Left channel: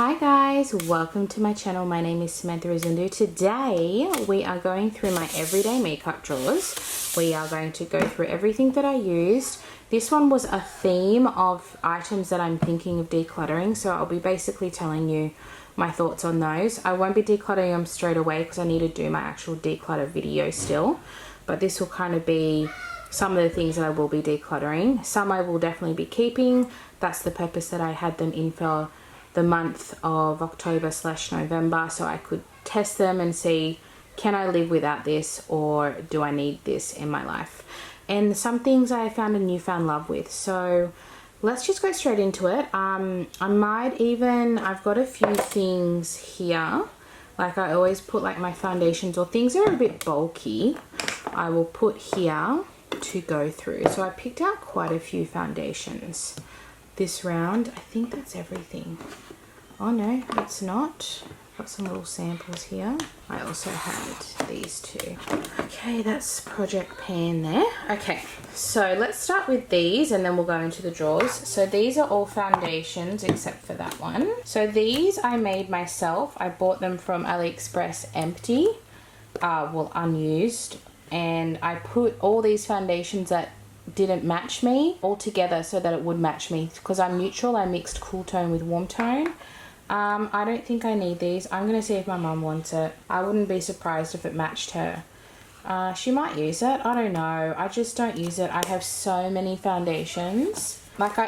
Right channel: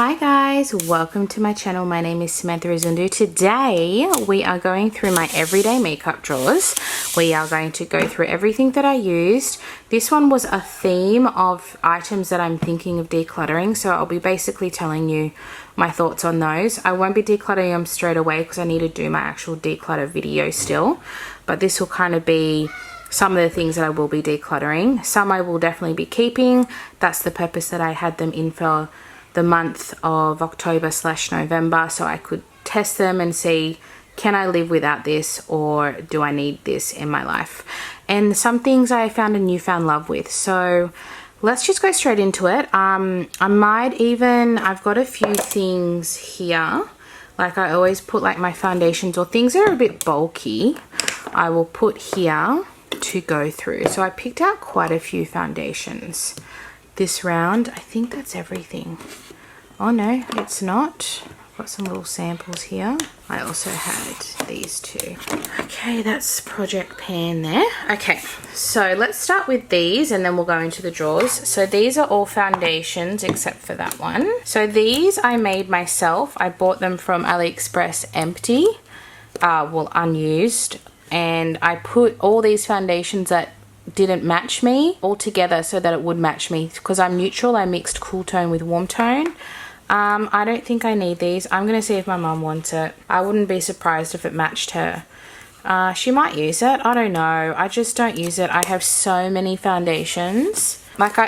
Hi guys, welcome to my channel. My name is Samantha Izundu. Today we are going through my everyday makeup drawers. We are going to go through everything that I used. This one was a theme of items that I'm thinking of decluttering, so I'll be basically telling you my thoughts on those. I won't be decluttering them straight away because I need to do my actual declutter video still, but this will kind of be some of the things that I will be decluttering. Some I will definitely be keeping. That's the purpose that I had them in for the month of October/November, so I could test them and see, can I live without this or do I need this in my life? And some things I found a newfound love with. So let's just go straight into it. I've got a few things here. Like I always put like my foundations or things that are a bit bulky, I will put here to go through. So I picked out quite a few foundations this round. I think that's everything. Oh no, it's not. Got some little samples here. I also had these two. Okay, that's Project Pan there. Okay, so let's start with these and then we'll go into the drawers. So these are all foundations except for that one. So these I made myself. I bought them from AliExpress empty, unused. And I put all these foundations that didn't match me all together so that it would match me. Because I'm neutral, I mixed cool tone with warm tone. I don't think I need these. I'm going to see if my mum wants it. I wouldn't be surprised if it matched her. She might use it. I don't know. I just don't use it. I have so many foundations.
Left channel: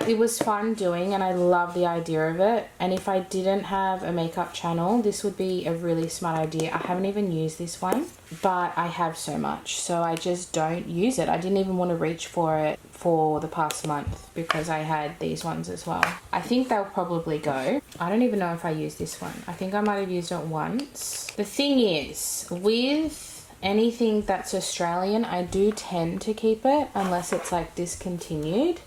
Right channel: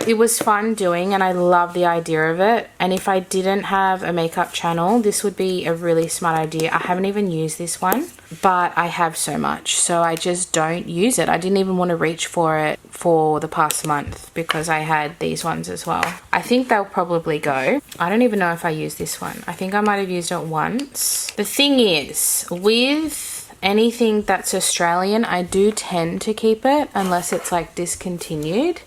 It was fun doing and I love the idea of it. And if I didn't have a makeup channel, this would be a really smart idea. I haven't even used this one, but I have so much. So I just don't use it. I didn't even want to reach for it for the past month because I had these ones as well. I think they'll probably go. I don't even know if I used this one. I think I might have used it once. The thing is, with anything that's Australian, I do tend to keep it unless it's like discontinued,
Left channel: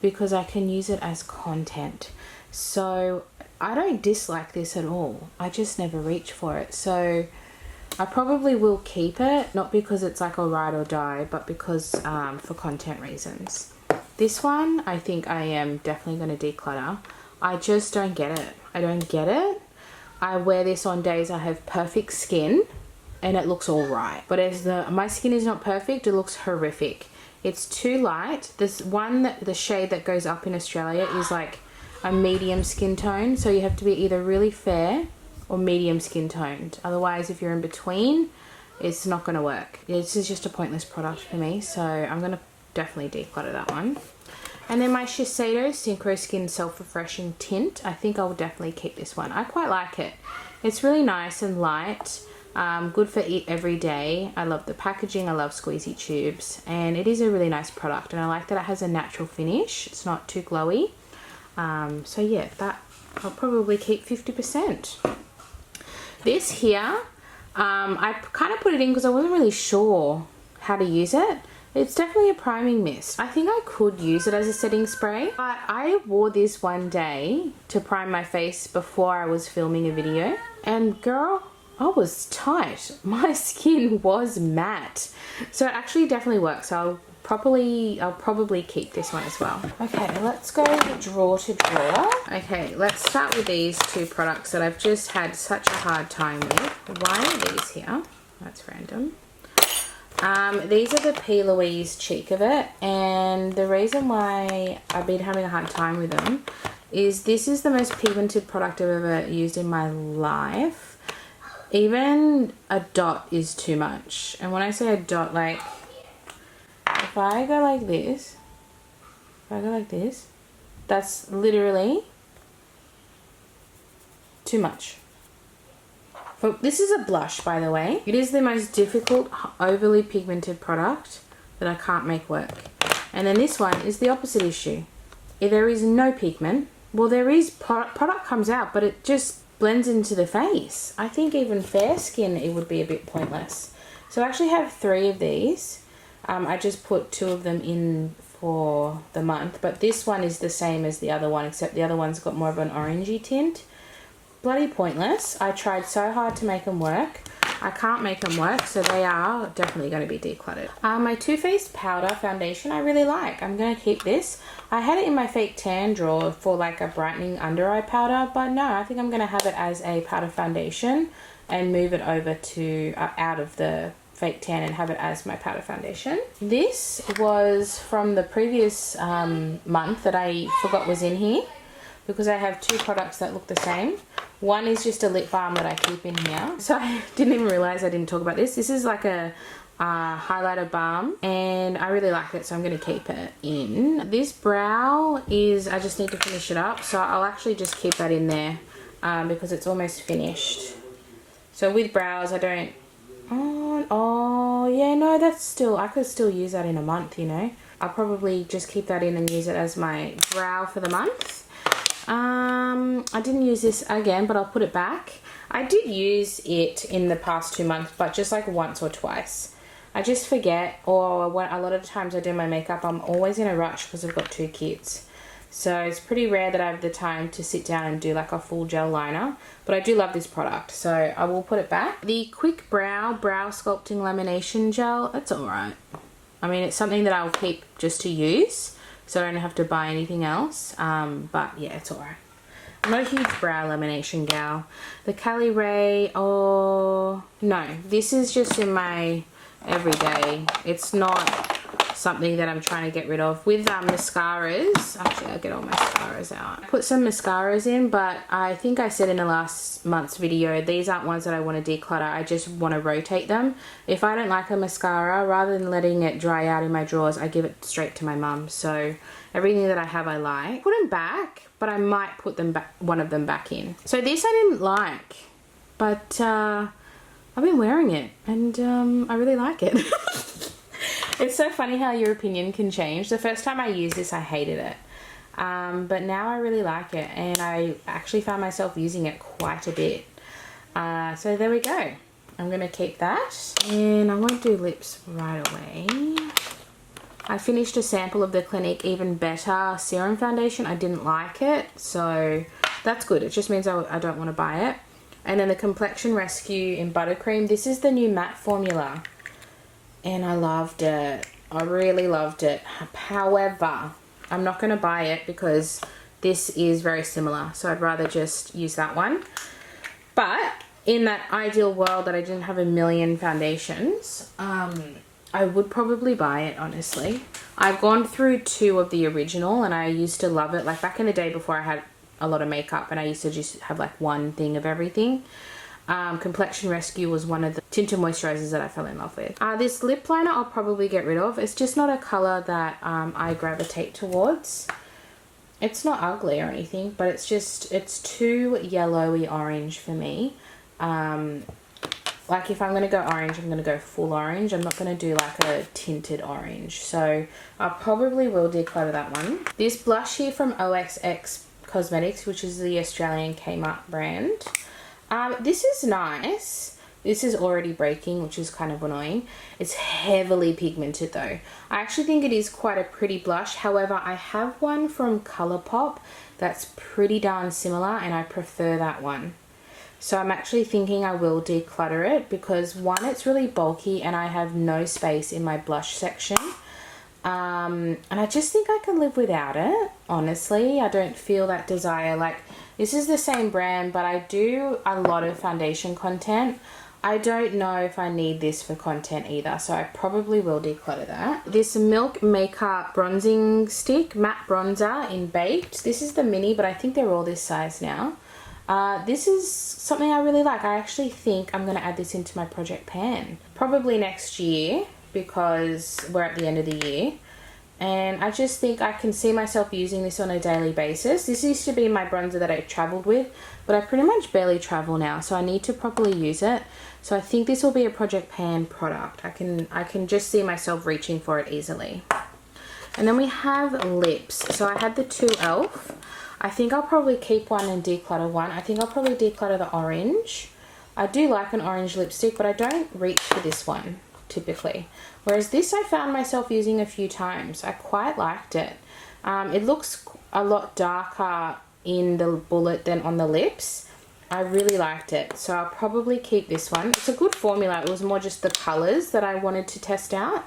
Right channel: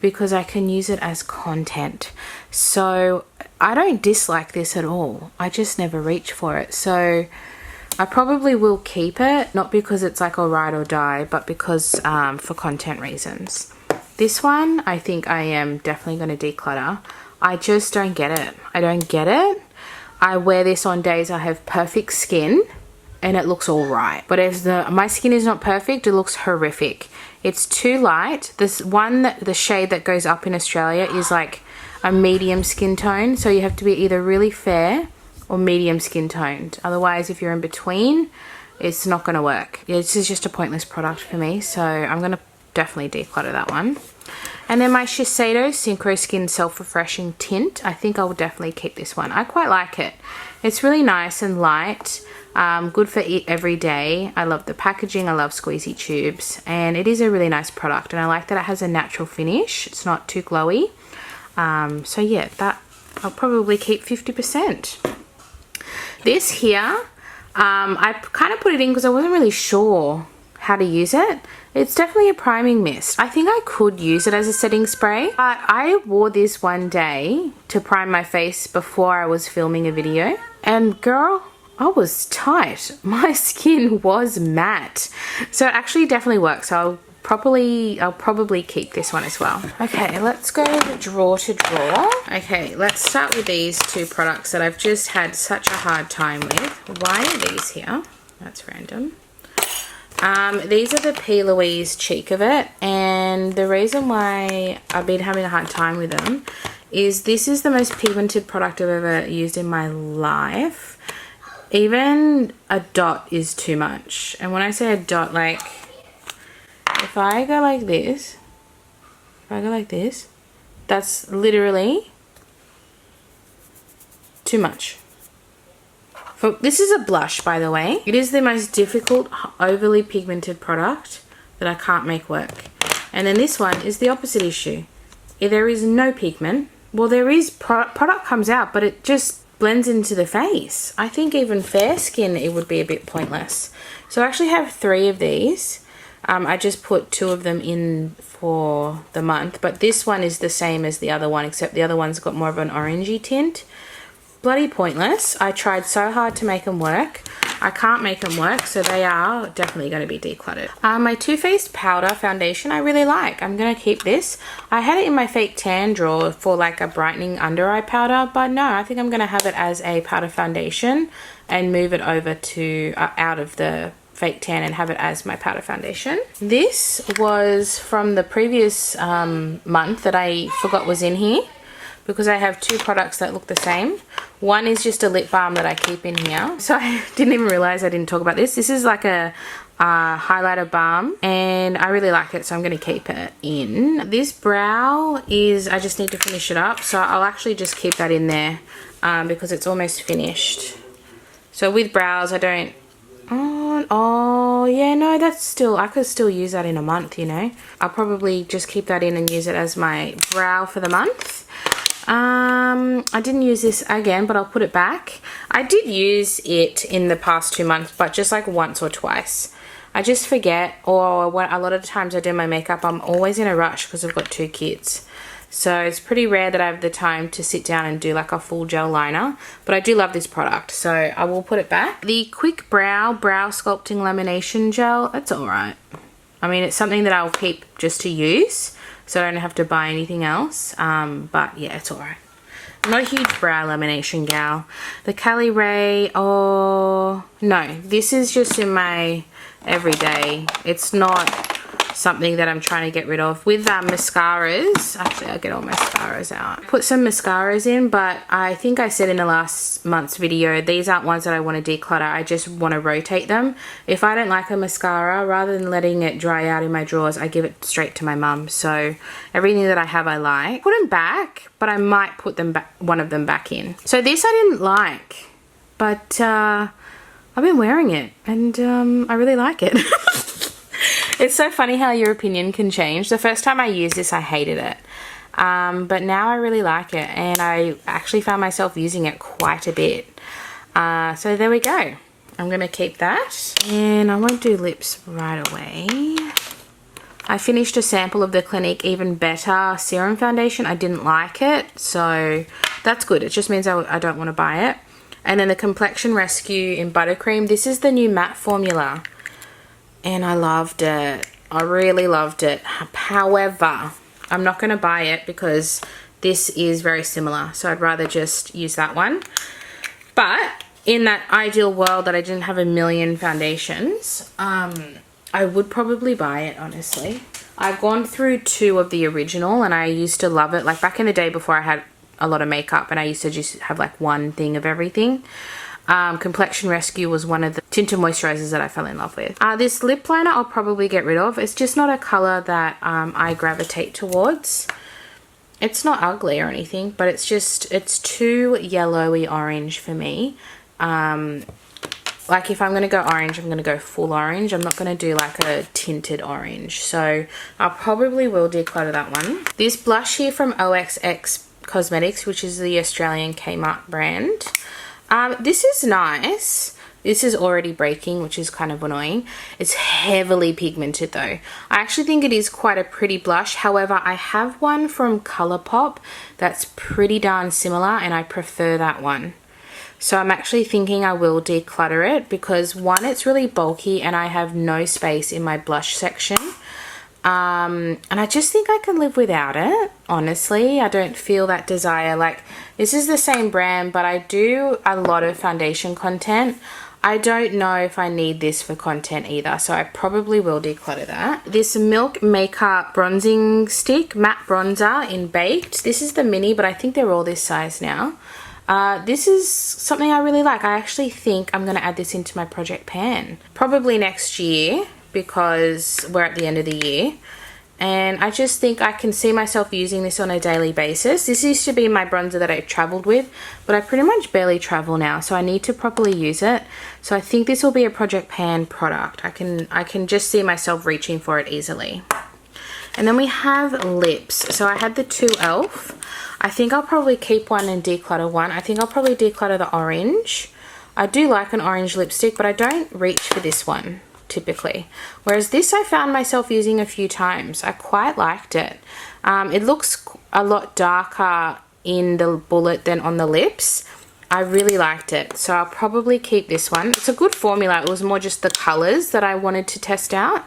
because I can use it as content. So I don't dislike this at all. I just never reach for it. So I probably will keep it, not because it's like a ride or die, but because for content reasons. This one, I think I am definitely going to declutter. I just don't get it. I don't get it. I wear this on days I have perfect skin and it looks all right. But as my skin is not perfect, it looks horrific. It's too light. This one, the shade that goes up in Australia is like a medium skin tone. So you have to be either really fair or medium skin toned. Otherwise, if you're in between, it's not going to work. This is just a pointless product for me. So I'm going to definitely declutter that one. And then my Shiseido Synchro Skin Self-Refreshing Tint. I think I will definitely keep this one. I quite like it. It's really nice and light. Good for every day. I love the packaging. I love squeezy tubes. And it is a really nice product. And I like that it has a natural finish. It's not too glowy. So yeah, that I'll probably keep 50%. This here, I kind of put it in because I wasn't really sure how to use it. It's definitely a priming mist. I think I could use it as a setting spray. But I wore this one day to prime my face before I was filming a video. And girl, I was tight. My skin was matte. So it actually definitely works. So I'll probably keep this one as well. Okay, let's go drawer to drawer. Okay, let's start with these two products that I've just had such a hard time with. Why are these here? That's random. These are the P. Louise Cheek of It, and the reason why I've been having a hard time with them is this is the most pigmented product I've ever used in my life. Even a dot is too much. And when I say a dot, like if I go like this, that's literally too much. This is a blush, by the way. It is the most difficult, overly pigmented product that I can't make work. And then this one is the opposite issue. If there is no pigment, well, there is product comes out, but it just blends into the face. I think even fair skin, it would be a bit pointless. So I actually have 3 of these. I just put 2 of them in for the month, but this one is the same as the other one, except the other one's got more of an orangey tint. Bloody pointless. I tried so hard to make them work. I can't make them work, so they are definitely going to be decluttered. My Too Faced powder foundation I really like. I'm going to keep this. I had it in my fake tan drawer for like a brightening under eye powder, but no, I think I'm going to have it as a powder foundation and move it over to out of the fake tan and have it as my powder foundation. This was from the previous month that I forgot was in here, because I have two products that look the same. One is just a lip balm that I keep in here. So I didn't even realize I didn't talk about this. This is like a highlighter balm and I really like it, so I'm gonna keep it in. This brow is, I just need to finish it up, so I'll actually just keep that in there because it's almost finished. So with brows, I don't, oh yeah, no, that's still, I could still use that in a month, you know. I'll probably just keep that in and use it as my brow for the month. I didn't use this again, but I'll put it back. I did use it in the past 2 months, but just like once or twice. I just forget, or when a lot of the times I do my makeup, I'm always in a rush because I've got 2 kids. So it's pretty rare that I have the time to sit down and do like a full gel liner, but I do love this product, so I will put it back. The Quick Brow Sculpting Lamination Gel, that's alright. I mean, it's something that I'll keep just to use, so I don't have to buy anything else, but yeah, it's alright. I'm not a huge brow lamination gal. The Cali Ray, oh no, this is just in my everyday. It's not something that I'm trying to get rid of. With mascaras, actually I'll get all my mascaras out. Put some mascaras in, but I think I said in the last month's video, these aren't ones that I want to declutter. I just want to rotate them. If I don't like a mascara, rather than letting it dry out in my drawers, I give it straight to my mum. So everything that I have I like. Put them back, but I might put them back, one of them back in. So this I didn't like, but I've been wearing it and I really like it. It's so funny how your opinion can change. The first time I used this, I hated it. But now I really like it, and I actually found myself using it quite a bit. So there we go. I'm going to keep that. And I won't do lips right away. I finished a sample of the Clinique Even Better Serum Foundation. I didn't like it, so that's good. It just means I don't want to buy it. And then the Complexion Rescue in Buttercream. This is the new matte formula. And I loved it. I really loved it. However, I'm not going to buy it because this is very similar. So I'd rather just use that one. But in that ideal world that I didn't have a million foundations, I would probably buy it, honestly. I've gone through 2 of the original and I used to love it. Like back in the day before I had a lot of makeup and I used to just have like one thing of everything. Complexion Rescue was one of the tinted moisturizers that I fell in love with. This lip liner I'll probably get rid of. It's just not a color that I gravitate towards. It's not ugly or anything, but it's just, it's too yellowy orange for me. Like if I'm going to go orange, I'm going to go full orange. I'm not going to do like a tinted orange. So I probably will declutter that one. This blush here from OXX Cosmetics, which is the Australian Kmart brand. This is nice. This is already breaking, which is kind of annoying. It's heavily pigmented though. I actually think it is quite a pretty blush. However, I have one from Colourpop that's pretty darn similar and I prefer that one. So I'm actually thinking I will declutter it because one, it's really bulky and I have no space in my blush section. And I just think I can live without it, honestly. I don't feel that desire. Like, this is the same brand, but I do a lot of foundation content. I don't know if I need this for content either, so I probably will declutter that. This Milk Makeup Bronzing Stick, Matte Bronzer in Baked. This is the mini, but I think they're all this size now. This is something I really like. I actually think I'm going to add this into my project pan. Probably next year, because we're at the end of the year. And I just think I can see myself using this on a daily basis. This used to be my bronzer that I traveled with, but I pretty much barely travel now, so I need to properly use it. So I think this will be a project pan product. I can just see myself reaching for it easily. And then we have lips. So I had the 2 e.l.f. I think I'll probably keep one and declutter one. I think I'll probably declutter the orange. I do like an orange lipstick, but I don't reach for this one typically. Whereas this I found myself using a few times. I quite liked it. It looks a lot darker in the bullet than on the lips. I really liked it, so I'll probably keep this one. It's a good formula. It was more just the colours that I wanted to test out.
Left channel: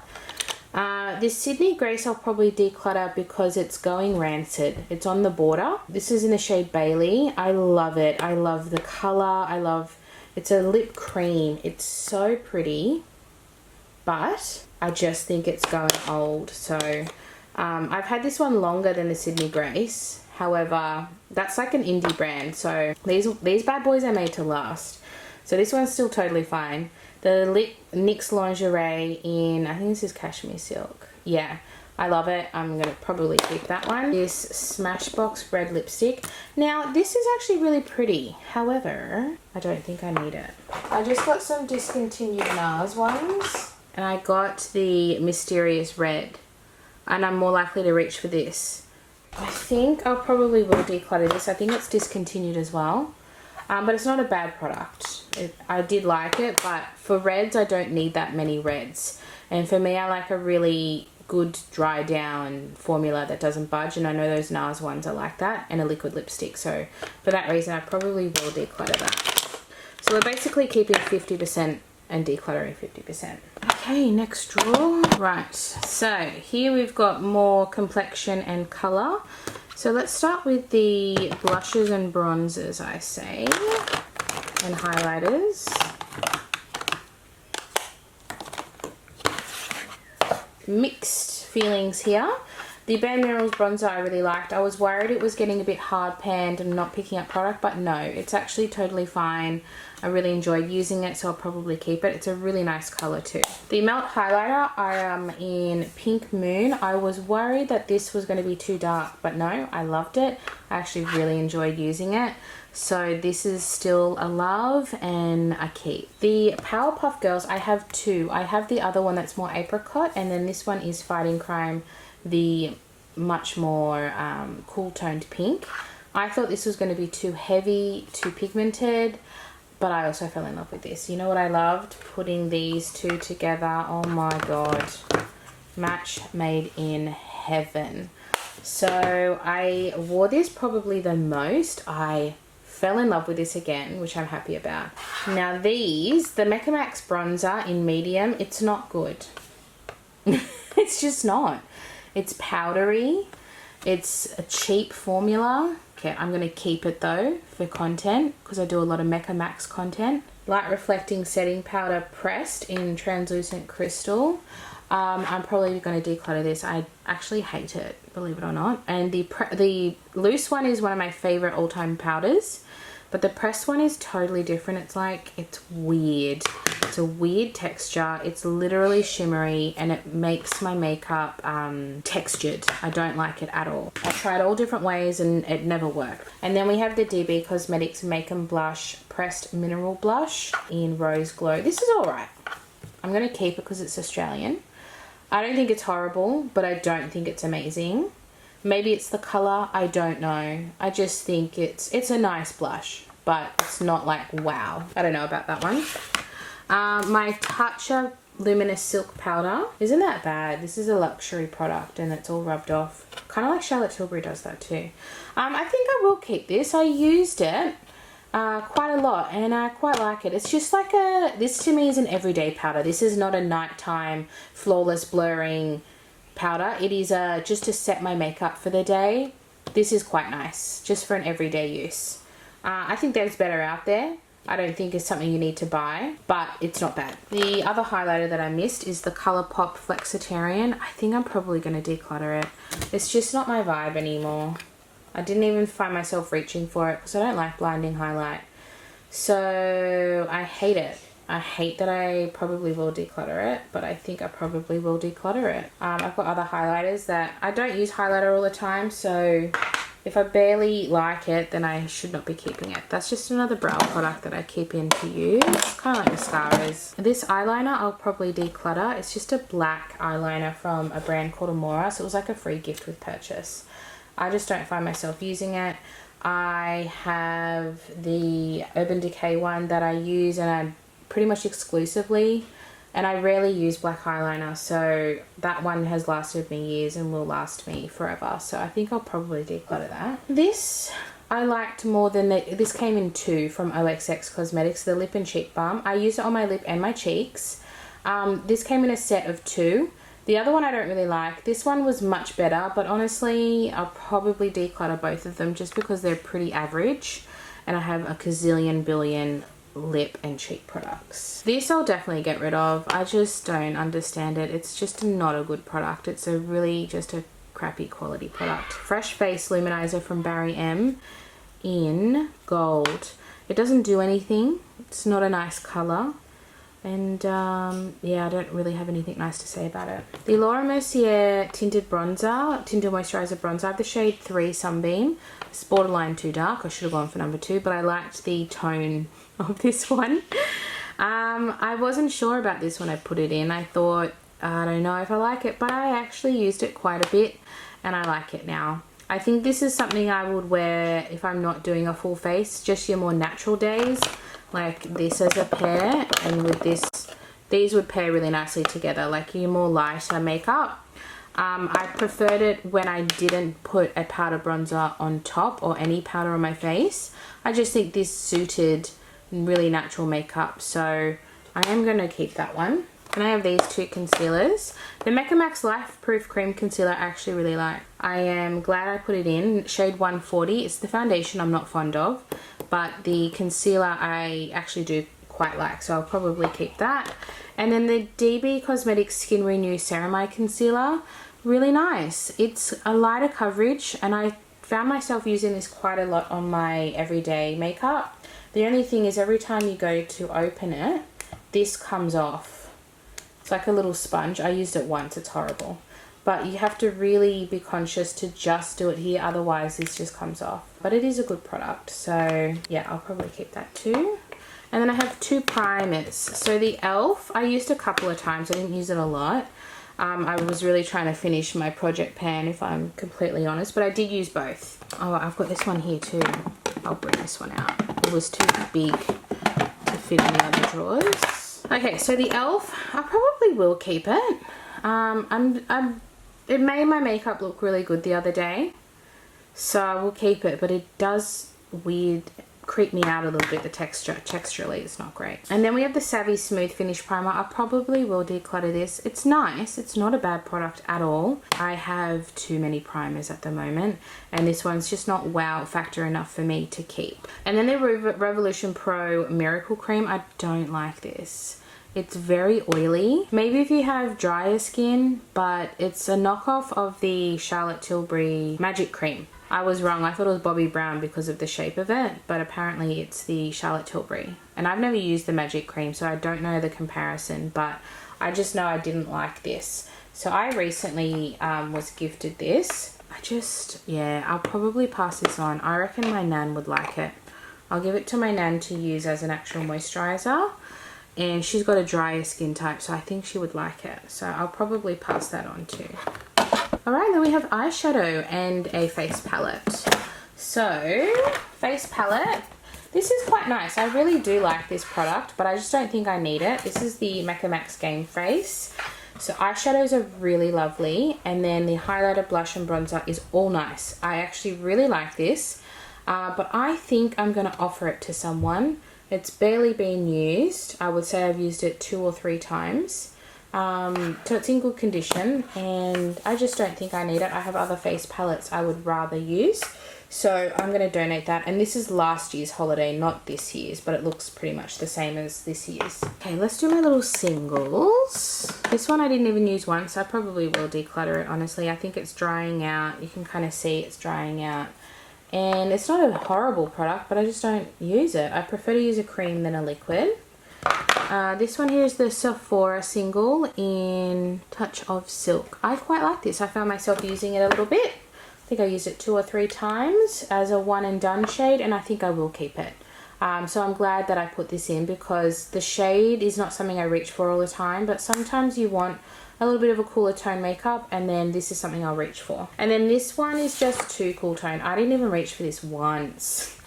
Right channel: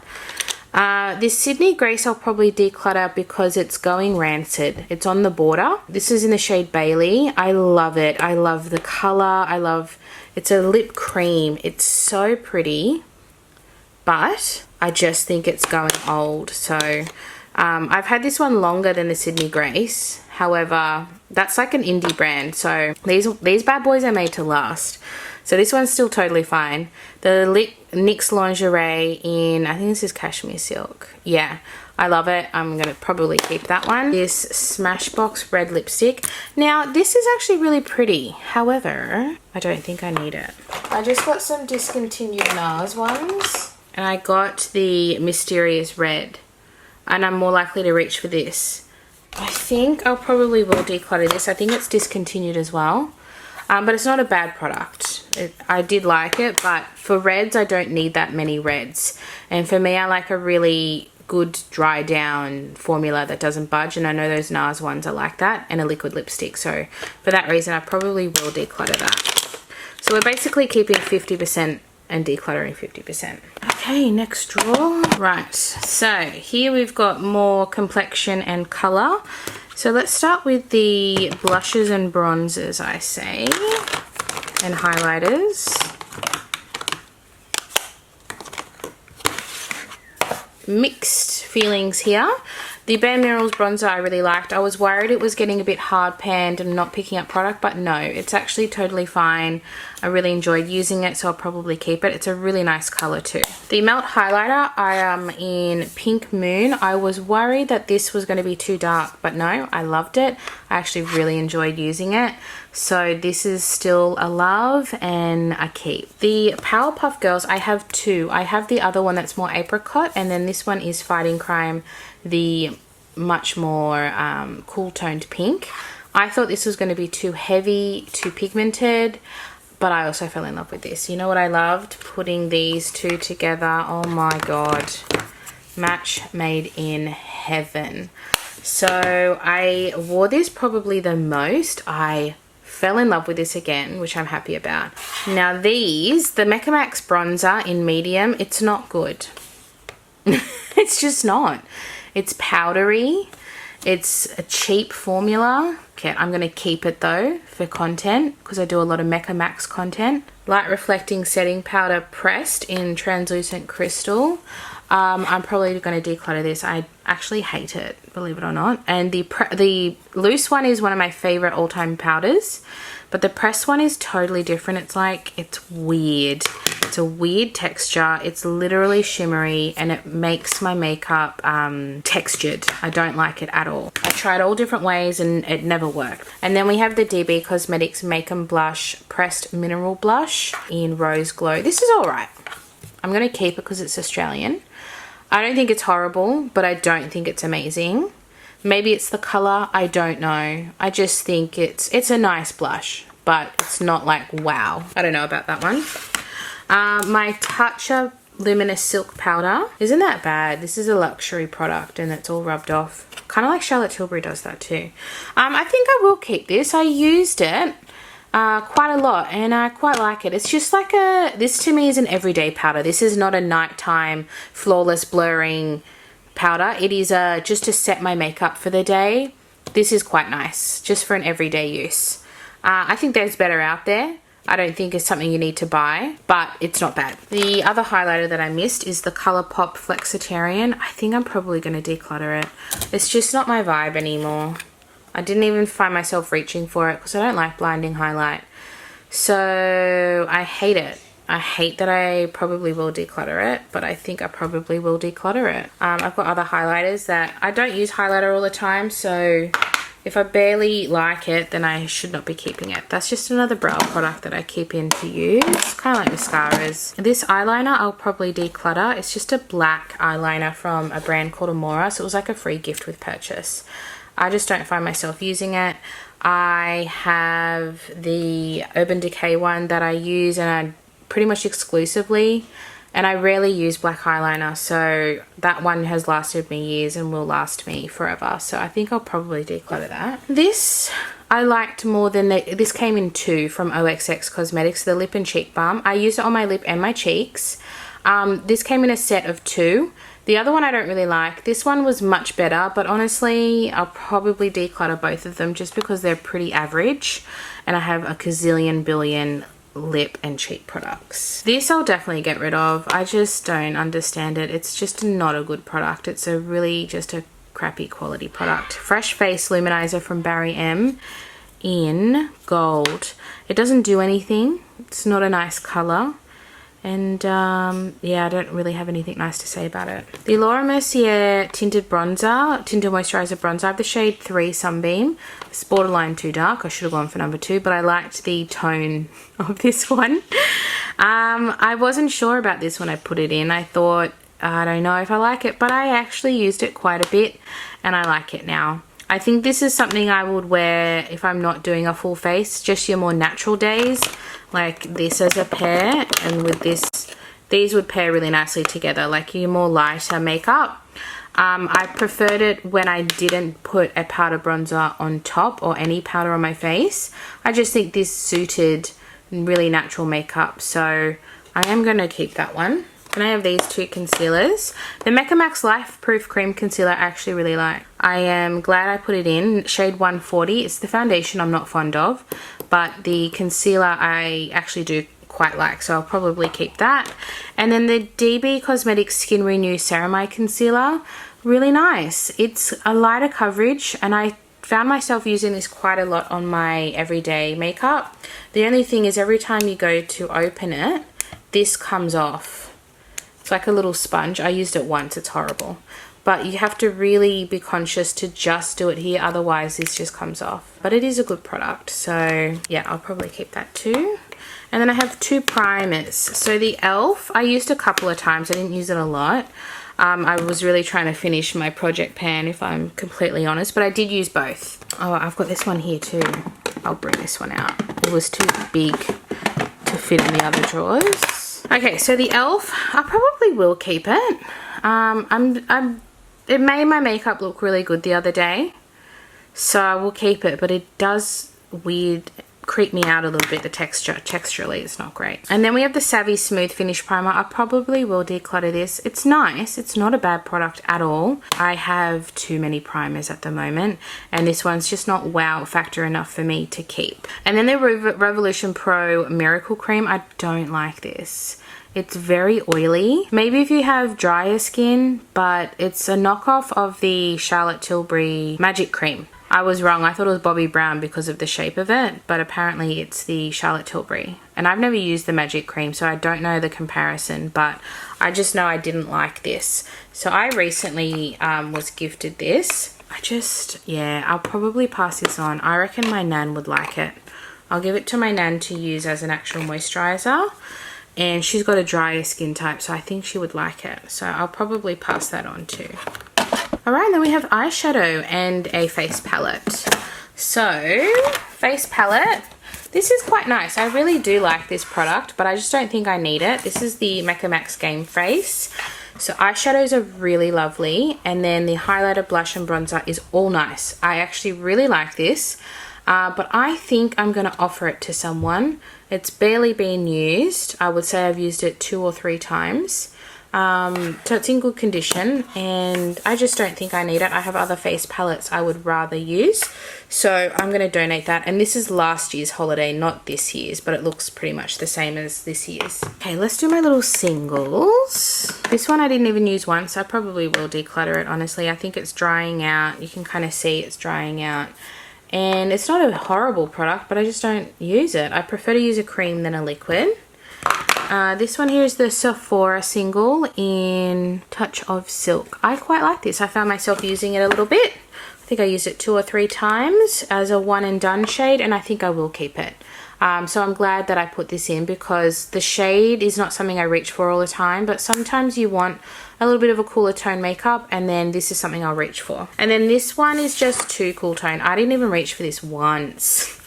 This Sydney Grace I'll probably declutter because it's going rancid. It's on the border. This is in the shade Bailey. I love it. I love the colour. It's a lip cream. It's so pretty, but I just think it's going old. So I've had this one longer than the Sydney Grace. However, that's like an indie brand. So these bad boys are made to last. So this one's still totally fine. The NYX Lingerie in, I think this is Cashmere Silk. Yeah, I love it. I'm going to probably keep that one. This Smashbox red lipstick. Now, this is actually really pretty. However, I don't think I need it. I just got some discontinued NARS ones. And I got the Mysterious Red. And I'm more likely to reach for this. I think I'll probably will declutter this. I think it's discontinued as well. But it's not a bad product. I did like it, but for reds, I don't need that many reds. And for me, I like a really good dry down formula that doesn't budge. And I know those NARS ones are like that, and a liquid lipstick. So for that reason, I probably will declutter that. So we're basically keeping 50% and decluttering 50%. Okay, next drawer. Right, so here we've got more complexion and color. So let's start with the blushes and bronzers, I say, and highlighters. Mixed feelings here. The Bare Minerals bronzer I really liked. I was worried it was getting a bit hard panned and not picking up product, but no, it's actually totally fine. I really enjoyed using it, so I'll probably keep it. It's a really nice color too. The Melt highlighter, I am in Pink Moon. I was worried that this was going to be too dark, but no, I loved it. I actually really enjoyed using it. So this is still a love and a keep. The Powerpuff Girls, I have two. I have the other one that's more apricot, and then this one is Fighting Crime, the much more cool toned pink. I thought this was going to be too heavy, too pigmented, but I also fell in love with this. You know what I loved? Putting these two together. Oh my god. Match made in heaven. So I wore this probably the most. I fell in love with this again, which I'm happy about. Now these, the Mecca Max bronzer in medium, it's not good. It's just not. It's powdery. It's a cheap formula. Okay, I'm going to keep it though for content because I do a lot of Mecca Max content. Light Reflecting Setting Powder pressed in Translucent Crystal. I'm probably going to declutter this. I actually hate it, believe it or not. And the loose one is one of my favorite all-time powders. But the pressed one is totally different. It's weird. It's a weird texture. It's literally shimmery and it makes my makeup textured. I don't like it at all. I tried all different ways and it never worked. And then we have the DB Cosmetics Make 'em Blush Pressed Mineral Blush in Rose Glow. This is alright. I'm going to keep it because it's Australian. I don't think it's horrible, but I don't think it's amazing. Maybe it's the color, I don't know. I just think it's a nice blush, but it's not like wow. I don't know about that one. My Tatcha Luminous Silk Powder. Isn't that bad? This is a luxury product and it's all rubbed off. Kind of like Charlotte Tilbury does that too. I think I will keep this. I used it quite a lot and I quite like it. It's just like this to me is an everyday powder. This is not a nighttime flawless blurring powder. It is just to set my makeup for the day. This is quite nice just for an everyday use. I think there's better out there. I don't think it's something you need to buy, but it's not bad. The other highlighter that I missed is the Colourpop Flexitarian. I think I'm probably going to declutter it. It's just not my vibe anymore. I didn't even find myself reaching for it because I don't like blinding highlight. So I hate it. I hate that I probably will declutter it, but I think I probably will declutter it. I've got other highlighters that I don't use highlighter all the time, so if I barely like it, then I should not be keeping it. That's just another brow product that I keep in to use. It's kind of like mascaras. This eyeliner I'll probably declutter. It's just a black eyeliner from a brand called Amora, so it was like a free gift with purchase. I just don't find myself using it. I have the Urban Decay one that I use and I pretty much exclusively, and I rarely use black eyeliner, so that one has lasted me years and will last me forever, so I think I'll probably declutter that. This I liked more than this came in 2 from OXX Cosmetics, the lip and cheek balm. I used it on my lip and my cheeks. This came in a set of 2. The other one I don't really like. This one was much better, but honestly, I'll probably declutter both of them just because they're pretty average and I have a gazillion billion lip and cheek products. This I'll definitely get rid of. I just don't understand it. It's just not a good product. It's a really just a crappy quality product. Fresh Face Luminizer from Barry M in gold. It doesn't do anything. It's not a nice color. And yeah, I don't really have anything nice to say about it. The Laura Mercier Tinted Moisturizer Bronzer. I have the shade 3 Sunbeam. It's borderline too dark. I should have gone for number 2, but I liked the tone of this one. I wasn't sure about this when I put it in. I thought, I don't know if I like it, but I actually used it quite a bit and I like it now. I think this is something I would wear if I'm not doing a full face, just your more natural days, like this as a pair, and with this, these would pair really nicely together, like your more lighter makeup. I preferred it when I didn't put a powder bronzer on top or any powder on my face. I just think this suited really natural makeup, so I am going to keep that one. And I have these 2 concealers. The Mecca Max Life Proof Cream Concealer I actually really like. I am glad I put it in. Shade 140. It's the foundation I'm not fond of, but the concealer I actually do quite like, so I'll probably keep that. And then the DB Cosmetics Skin Renew Ceramide Concealer. Really nice. It's a lighter coverage, and I found myself using this quite a lot on my everyday makeup. The only thing is every time you go to open it, this comes off. It's like a little sponge. I used it once. It's horrible. But you have to really be conscious to just do it here. Otherwise, this just comes off. But it is a good product. So, yeah, I'll probably keep that too. And then I have 2 primers. So the e.l.f. I used a couple of times. I didn't use it a lot. I was really trying to finish my project pan, if I'm completely honest. But I did use both. Oh, I've got this one here too. I'll bring this one out. It was too big to fit in the other drawers. Okay, so the e.l.f. I probably will keep it. It made my makeup look really good the other day, so I will keep it, but it does creep me out a little bit, the texturally it's not great. And then we have the Savvy Smooth Finish Primer. I probably will declutter this. It's nice. It's not a bad product at all. I have too many primers at the moment, and this one's just not wow factor enough for me to keep. And then the Revolution Pro Miracle Cream. I don't like this. It's very oily. Maybe if you have drier skin, but it's a knockoff of the Charlotte Tilbury Magic Cream. I was wrong. I thought it was Bobbi Brown because of the shape of it, but apparently it's the Charlotte Tilbury. And I've never used the Magic Cream, so I don't know the comparison, but I just know I didn't like this. So I recently was gifted this. Yeah, I'll probably pass this on. I reckon my nan would like it. I'll give it to my nan to use as an actual moisturizer. And she's got a drier skin type, so I think she would like it. So I'll probably pass that on too. Alright, then we have eyeshadow and a face palette. So, face palette. This is quite nice. I really do like this product, but I just don't think I need it. This is the Mecca Max Game Face. So eyeshadows are really lovely. And then the highlighter, blush and bronzer is all nice. I actually really like this. But I think I'm going to offer it to someone. It's barely been used. I would say I've used it 2 or 3 times. So it's in good condition, and I just don't think I need it. I have other face palettes I would rather use. So I'm going to donate that. And this is last year's holiday, not this year's, but it looks pretty much the same as this year's. Okay, let's do my little singles. This one I didn't even use once. I probably will declutter it, honestly. I think it's drying out. You can kind of see it's drying out. And it's not a horrible product, but I just don't use it. I prefer to use a cream than a liquid. This one here is the Sephora single in Touch of Silk. I quite like this. I found myself using it a little bit. I think I used it 2 or 3 times as a one and done shade, and I think I will keep it. So I'm glad that I put this in because the shade is not something I reach for all the time, but sometimes you want a little bit of a cooler tone makeup, and then this is something I'll reach for. And then this one is just too cool tone. I didn't even reach for this once.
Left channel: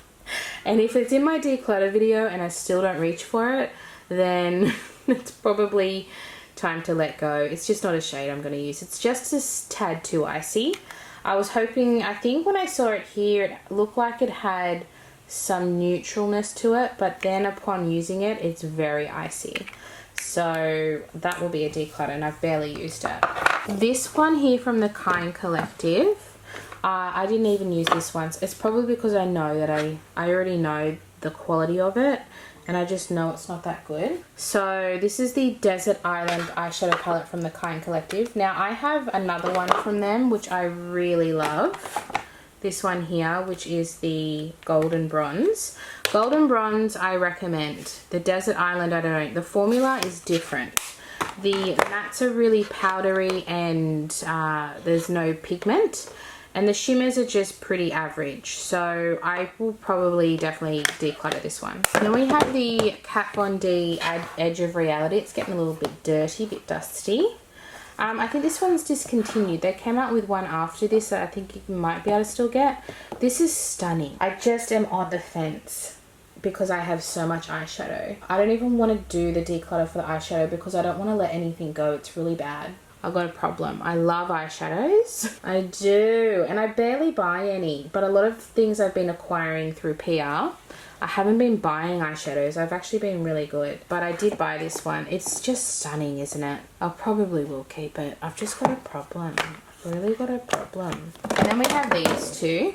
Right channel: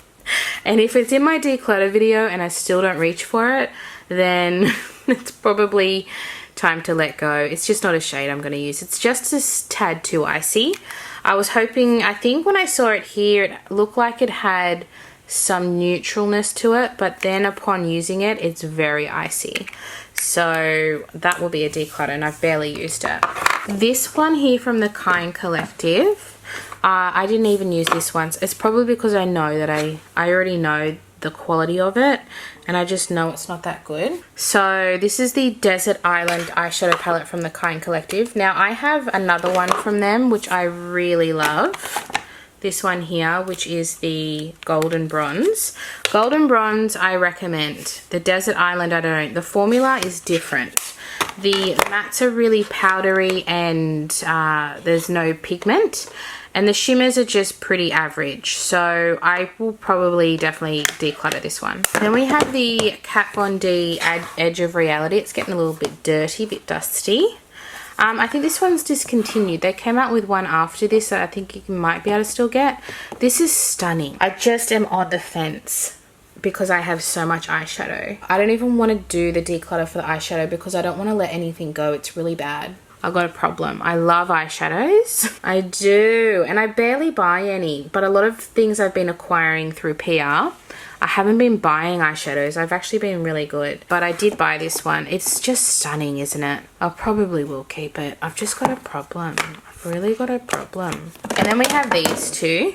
And if it's in my declutter video and I still don't reach for it, then it's probably time to let go. It's just not a shade I'm going to use. It's just a tad too icy. I was hoping, I think when I saw it here, it looked like it had some neutralness to it, but then upon using it, it's very icy. So that will be a declutter, and I've barely used it. This one here from the Kind Collective, I didn't even use this once. It's probably because I know that I already know the quality of it, and I just know it's not that good. So this is the Desert Island eyeshadow palette from the Kind Collective. Now I have another one from them which I really love. This one here, which is the Golden Bronze. Golden Bronze I recommend. The Desert Island I don't. The formula is different. The mattes are really powdery and there's no pigment. And the shimmers are just pretty average. So I will probably definitely declutter this one. Then we have the Kat Von D Edge of Reality. It's getting a little bit dirty, a bit dusty. I think this one's discontinued. They came out with one after this that I think you might be able to still get. This is stunning. I just am on the fence because I have so much eyeshadow. I don't even want to do the declutter for the eyeshadow because I don't want to let anything go. It's really bad. I've got a problem. I love eyeshadows. I do. And I barely buy any. But a lot of things I've been acquiring through PR, I haven't been buying eyeshadows. I've actually been really good. But I did buy this one. It's just stunning, isn't it? I probably will keep it. I've just got a problem. I've really got a problem. And then we have these two.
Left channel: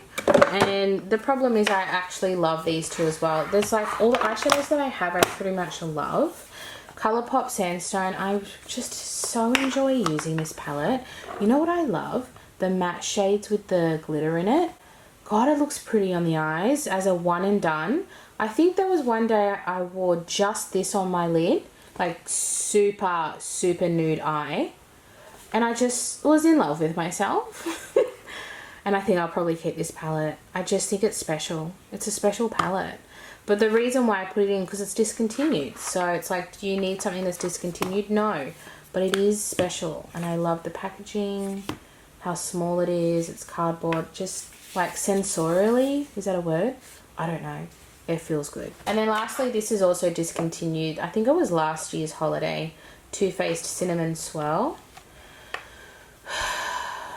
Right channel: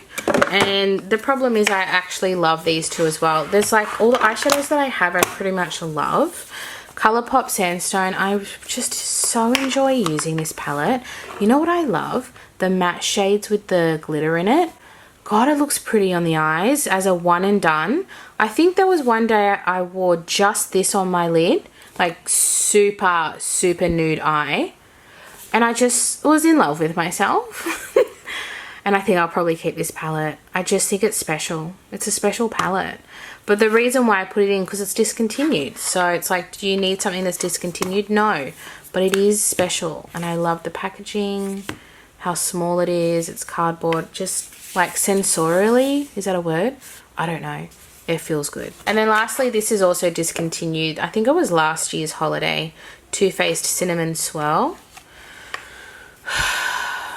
And the problem is I actually love these two as well. There's like all the eyeshadows that I have I pretty much love. Colourpop Sandstone, I just so enjoy using this palette. You know what I love? The matte shades with the glitter in it. God, it looks pretty on the eyes as a one and done. I think there was one day I wore just this on my lid, like super, super nude eye. And I just was in love with myself. And I think I'll probably keep this palette. I just think it's special. It's a special palette. But the reason why I put it in, because it's discontinued. So it's like, do you need something that's discontinued? No. But it is special. And I love the packaging, how small it is. It's cardboard. Just like sensorially, is that a word? I don't know. It feels good. And then lastly, this is also discontinued. I think it was last year's holiday. Too Faced Cinnamon Swirl.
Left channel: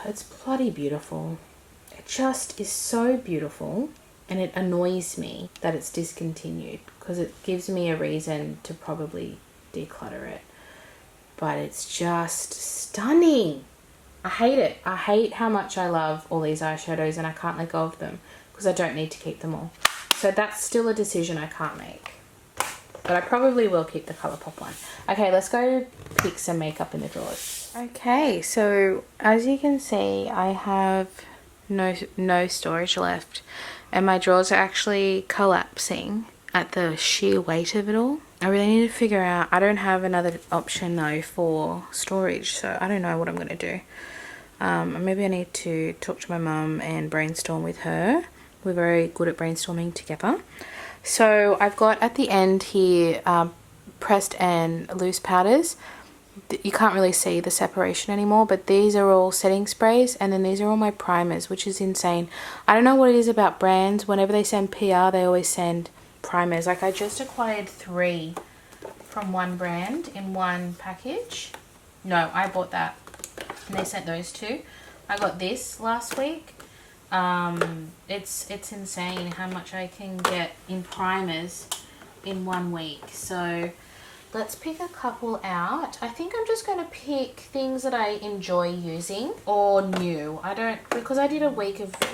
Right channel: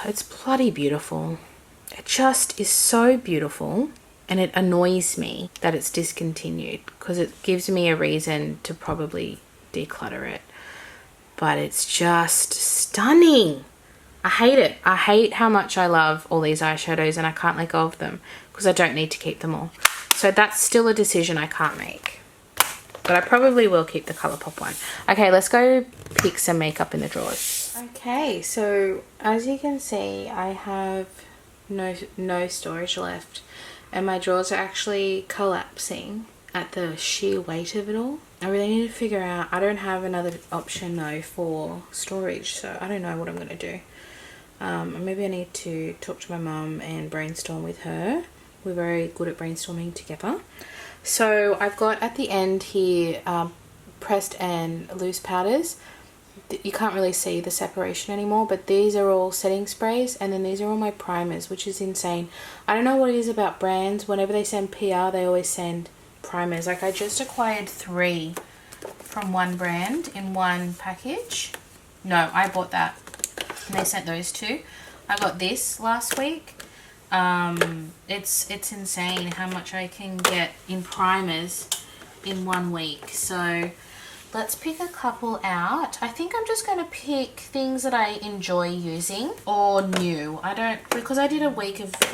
It's bloody beautiful. It just is so beautiful. And it annoys me that it's discontinued because it gives me a reason to probably declutter it. But it's just stunning. I hate it. I hate how much I love all these eyeshadows and I can't let go of them because I don't need to keep them all. So that's still a decision I can't make. But I probably will keep the Colourpop one. Okay, let's go pick some makeup in the drawers. Okay, so as you can see, I have no storage left. And my drawers are actually collapsing at the sheer weight of it all. I really need to figure out, I don't have another option though for storage, so I don't know what I'm going to do. Maybe I need to talk to my mum and brainstorm with her. We're very good at brainstorming together. So I've got at the end here pressed and loose powders. You can't really see the separation anymore, but these are all setting sprays and then these are all my primers, which is insane. I don't know what it is about brands. Whenever they send PR, they always send primers. Like I just acquired 3 from one brand in one package. No, I bought that and they sent those 2. I got this last week. It's insane how much I can get in primers in 1 week. So let's pick a couple out. I think I'm just going to pick things that I enjoy using or new. Because I did a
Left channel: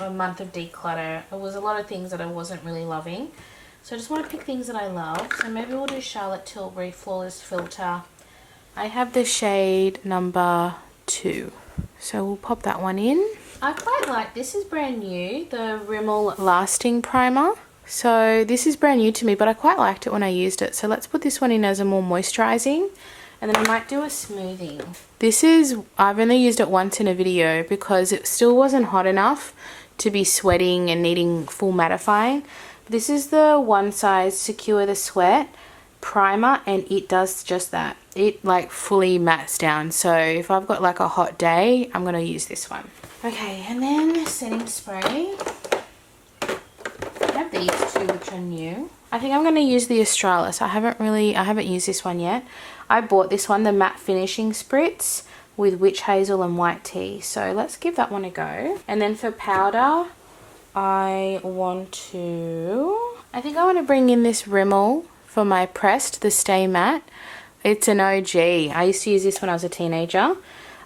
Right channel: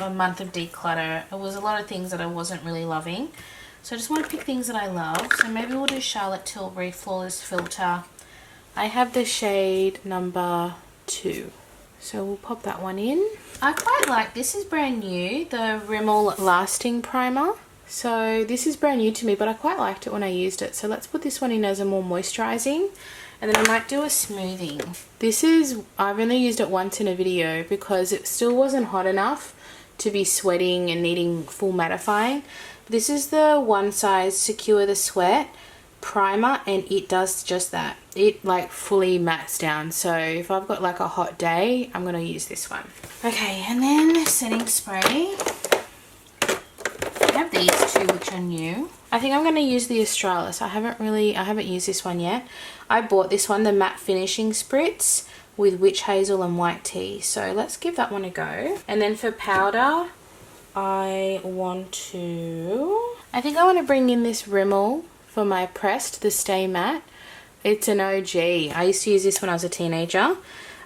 month of declutter, it was a lot of things that I wasn't really loving. So I just want to pick things that I love. So maybe we'll do Charlotte Tilbury Flawless Filter. I have the shade number 2. So we'll pop that one in. I quite like, this is brand new, the Rimmel Lasting Primer. So this is brand new to me, but I quite liked it when I used it. So let's put this one in as a more moisturizing, and then I might do a smoothing. I've only used it once in a video because it still wasn't hot enough to be sweating and needing full mattifying. This is the One Size Secure the Sweat primer, and it does just that. It like fully mattes down. So if I've got like a hot day, I'm going to use this one. Okay, and then setting spray. I have these 2 which are new. I think I'm going to use the Australis. I haven't used this one yet. I bought this one, the Matte Finishing Spritz, with witch hazel and white tea. So let's give that one a go. And then for powder, I think I want to bring in this Rimmel for my pressed, the Stay Matte. It's an OG. I used to use this when I was a teenager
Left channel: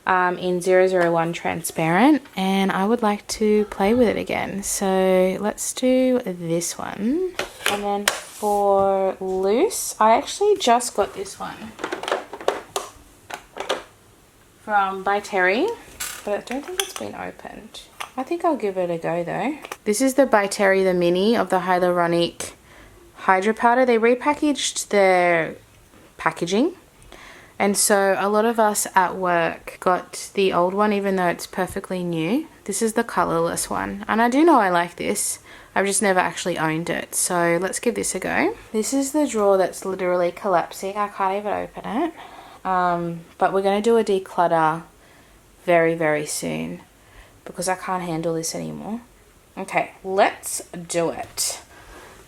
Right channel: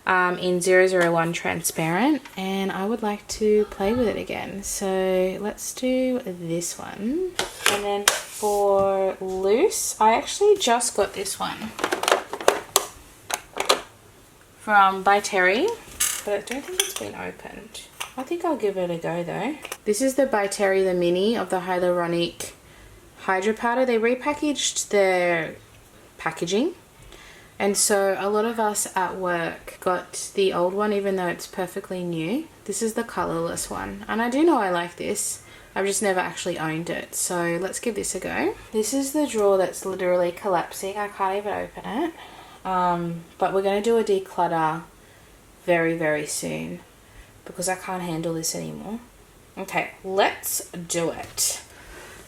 in 001 transparent, and I would like to play with it again. So let's do this one. And then for loose, I actually just got this one from By Terry, but I don't think it's been opened. I think I'll give it a go though. This is the By Terry, the mini of the Hyaluronic Hydra Powder. They repackaged their packaging, and so a lot of us at work got the old one even though it's perfectly new. This is the colourless one, and I do know I like this. I've just never actually owned it, so let's give this a go. This is the drawer that's literally collapsing. I can't even open it, but we're going to do a declutter very, very soon because I can't handle this anymore. Okay, let's do it.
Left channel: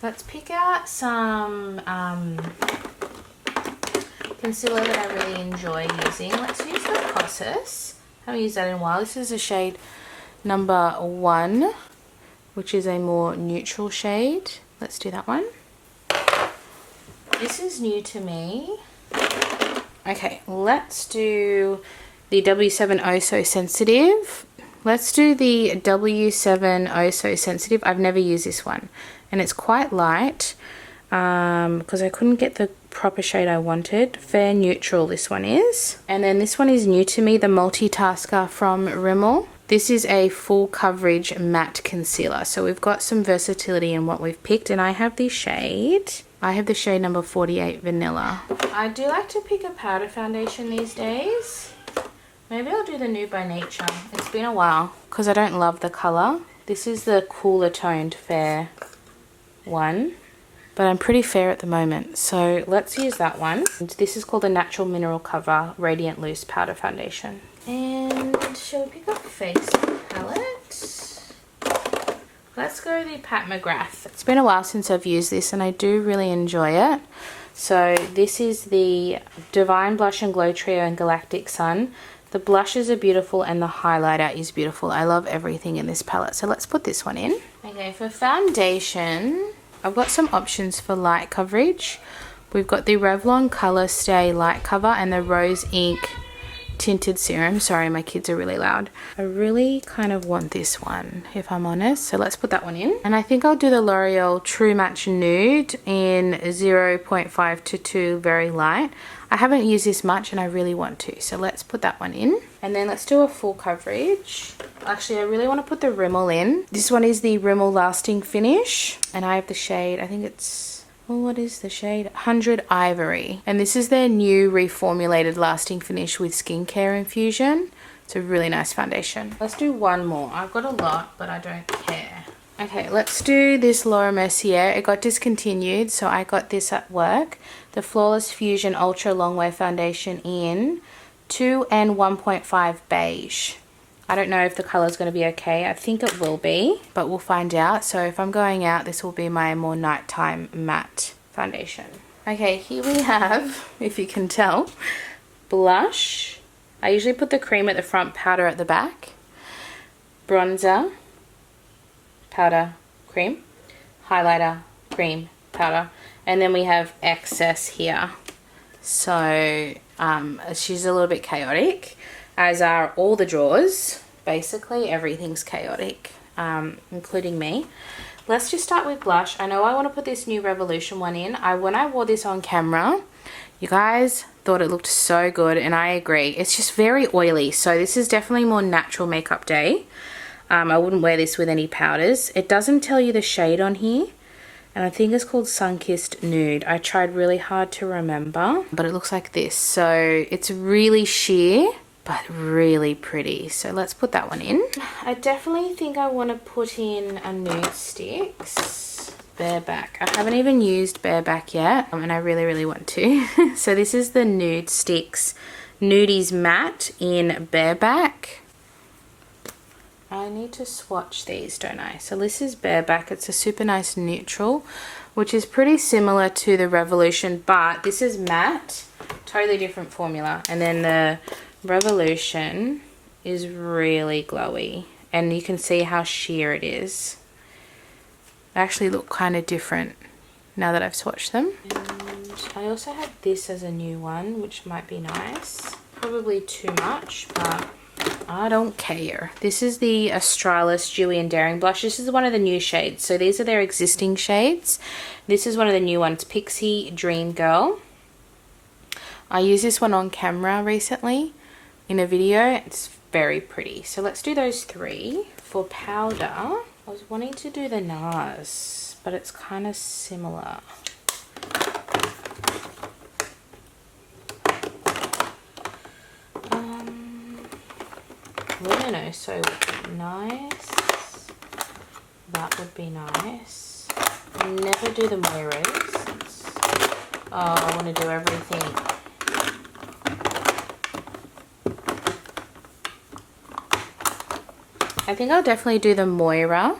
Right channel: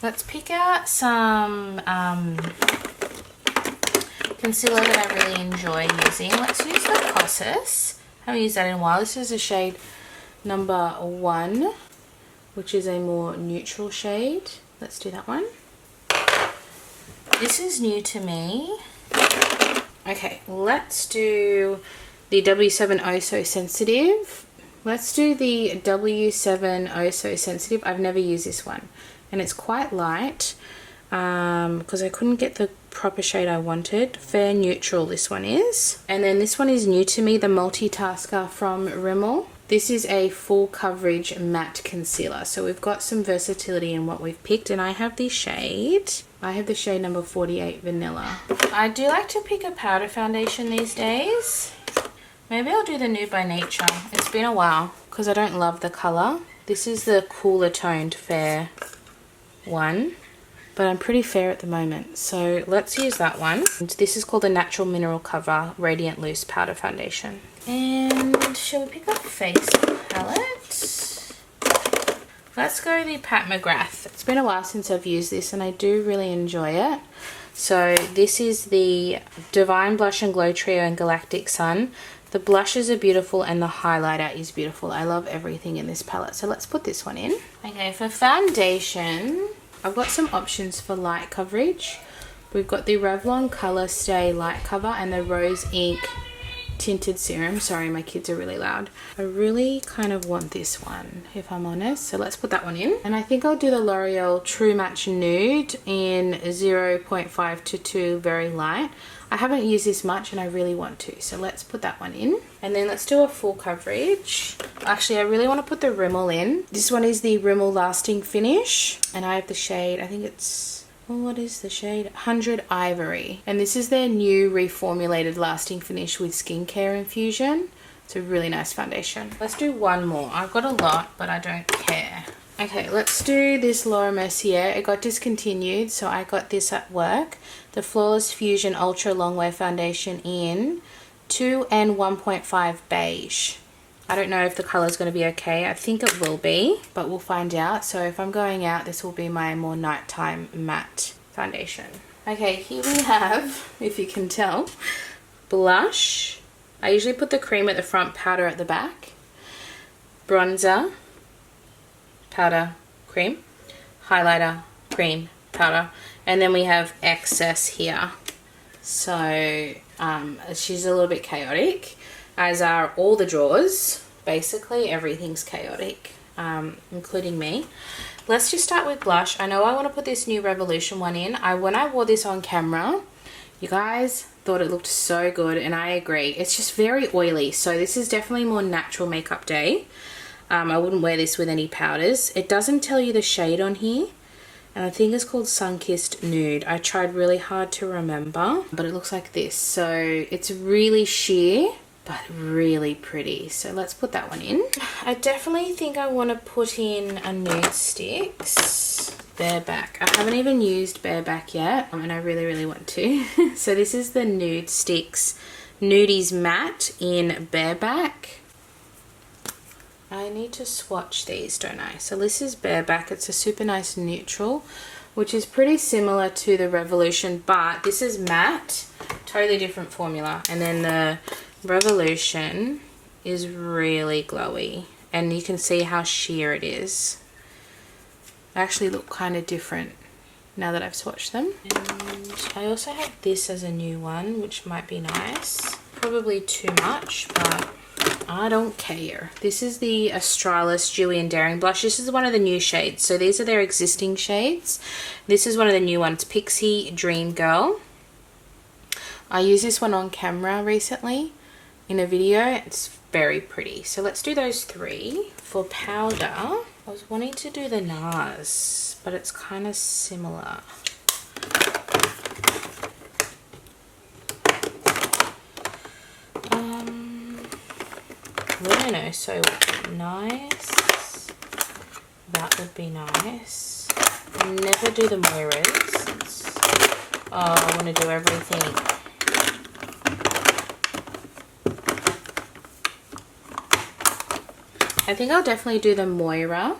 Let's pick out some concealer that I really enjoy using. Let's use the Kosas. Haven't used that in a while. This is the shade number 1, which is a more neutral shade. Let's do that one. This is new to me. Okay, let's do the W7 Oh So Sensitive. Let's do the W7 Oh So Sensitive. I've never used this one, and it's quite light because I couldn't get the proper shade I wanted. Fair neutral this one is. And then this one is new to me, the Multitasker from Rimmel. This is a full coverage matte concealer, so we've got some versatility in what we've picked, and I have the shade number 48 Vanilla. I do like to pick a powder foundation these days. Maybe I'll do the Nude by Nature. It's been a while because I don't love the colour. This is the cooler toned fair one, but I'm pretty fair at the moment, so let's use that one. And this is called the Natural Mineral Cover Radiant Loose Powder Foundation. And shall we pick up face palette? Let's go the Pat McGrath. It's been a while since I've used this and I do really enjoy it. So this is the Divine Blush and Glow Trio and Galactic Sun. The blushes are beautiful and the highlighter is beautiful. I love everything in this palette. So let's put this one in. Okay, for foundation, I've got some options for light coverage. We've got the Revlon Color Stay Light Cover and the Rose Ink Tinted Serum. Sorry, my kids are really loud. I really kind of want this one, if I'm honest. So let's put that one in. And I think I'll do the L'Oreal True Match Nude in 0.5 to 2 very light. I haven't used this much and I really want to, so let's put that one in. And then let's do a full coverage. Actually, I really want to put the Rimmel in. This one is the Rimmel Lasting Finish, and I have the shade, I think it's, well, what is the shade? 100 Ivory. And this is their new reformulated lasting finish with skincare infusion. It's a really nice foundation. Let's do one more. I've got a lot, but I don't care. Okay, let's do this Laura Mercier. It got discontinued, so I got this at work. The Flawless Fusion Ultra Longwear Foundation in 2 and 1.5 beige. I don't know if the color is going to be okay. I think it will be, but we'll find out. So if I'm going out, this will be my more nighttime matte foundation. Okay, here we have, if you can tell, blush. I usually put the cream at the front, powder at the back. Bronzer, powder, cream. Highlighter, cream, powder. And then we have excess here. So she's a little bit chaotic, as are all the drawers. Basically everything's chaotic, including me. Let's just start with blush. I know I want to put this new Revolution one in. When I wore this on camera, you guys thought it looked so good, and I agree. It's just very oily, so this is definitely more natural makeup day. I wouldn't wear this with any powders. It doesn't tell you the shade on here, and I think it's called Sunkissed Nude. I tried really hard to remember, but it looks like this. So it's really sheer, but really pretty. So let's put that one in. I definitely think I want to put in a Nude Sticks Bareback. I haven't even used Bareback yet, and I really, really want to. So this is the Nude Sticks Nudies Matte in Bareback. I need to swatch these, don't I? So this is Bareback. It's a super nice neutral, which is pretty similar to the Revolution, but this is matte, totally different formula. And then the Revolution is really glowy, and you can see how sheer it is. They actually look kind of different now that I've swatched them. And I also have this as a new one, which might be nice. Probably too much, but I don't care. This is the Australis Dewy and Daring Blush. This is one of the new shades. So these are their existing shades. This is one of the new ones, Pixie Dream Girl. I used this one on camera recently in a video. It's very pretty. So let's do those three. For powder, I was wanting to do the NARS, but it's kind of similar. Lumino, so nice. That would be nice. Never do the Moiras. Oh, I want to do everything. I think I'll definitely do the Moira.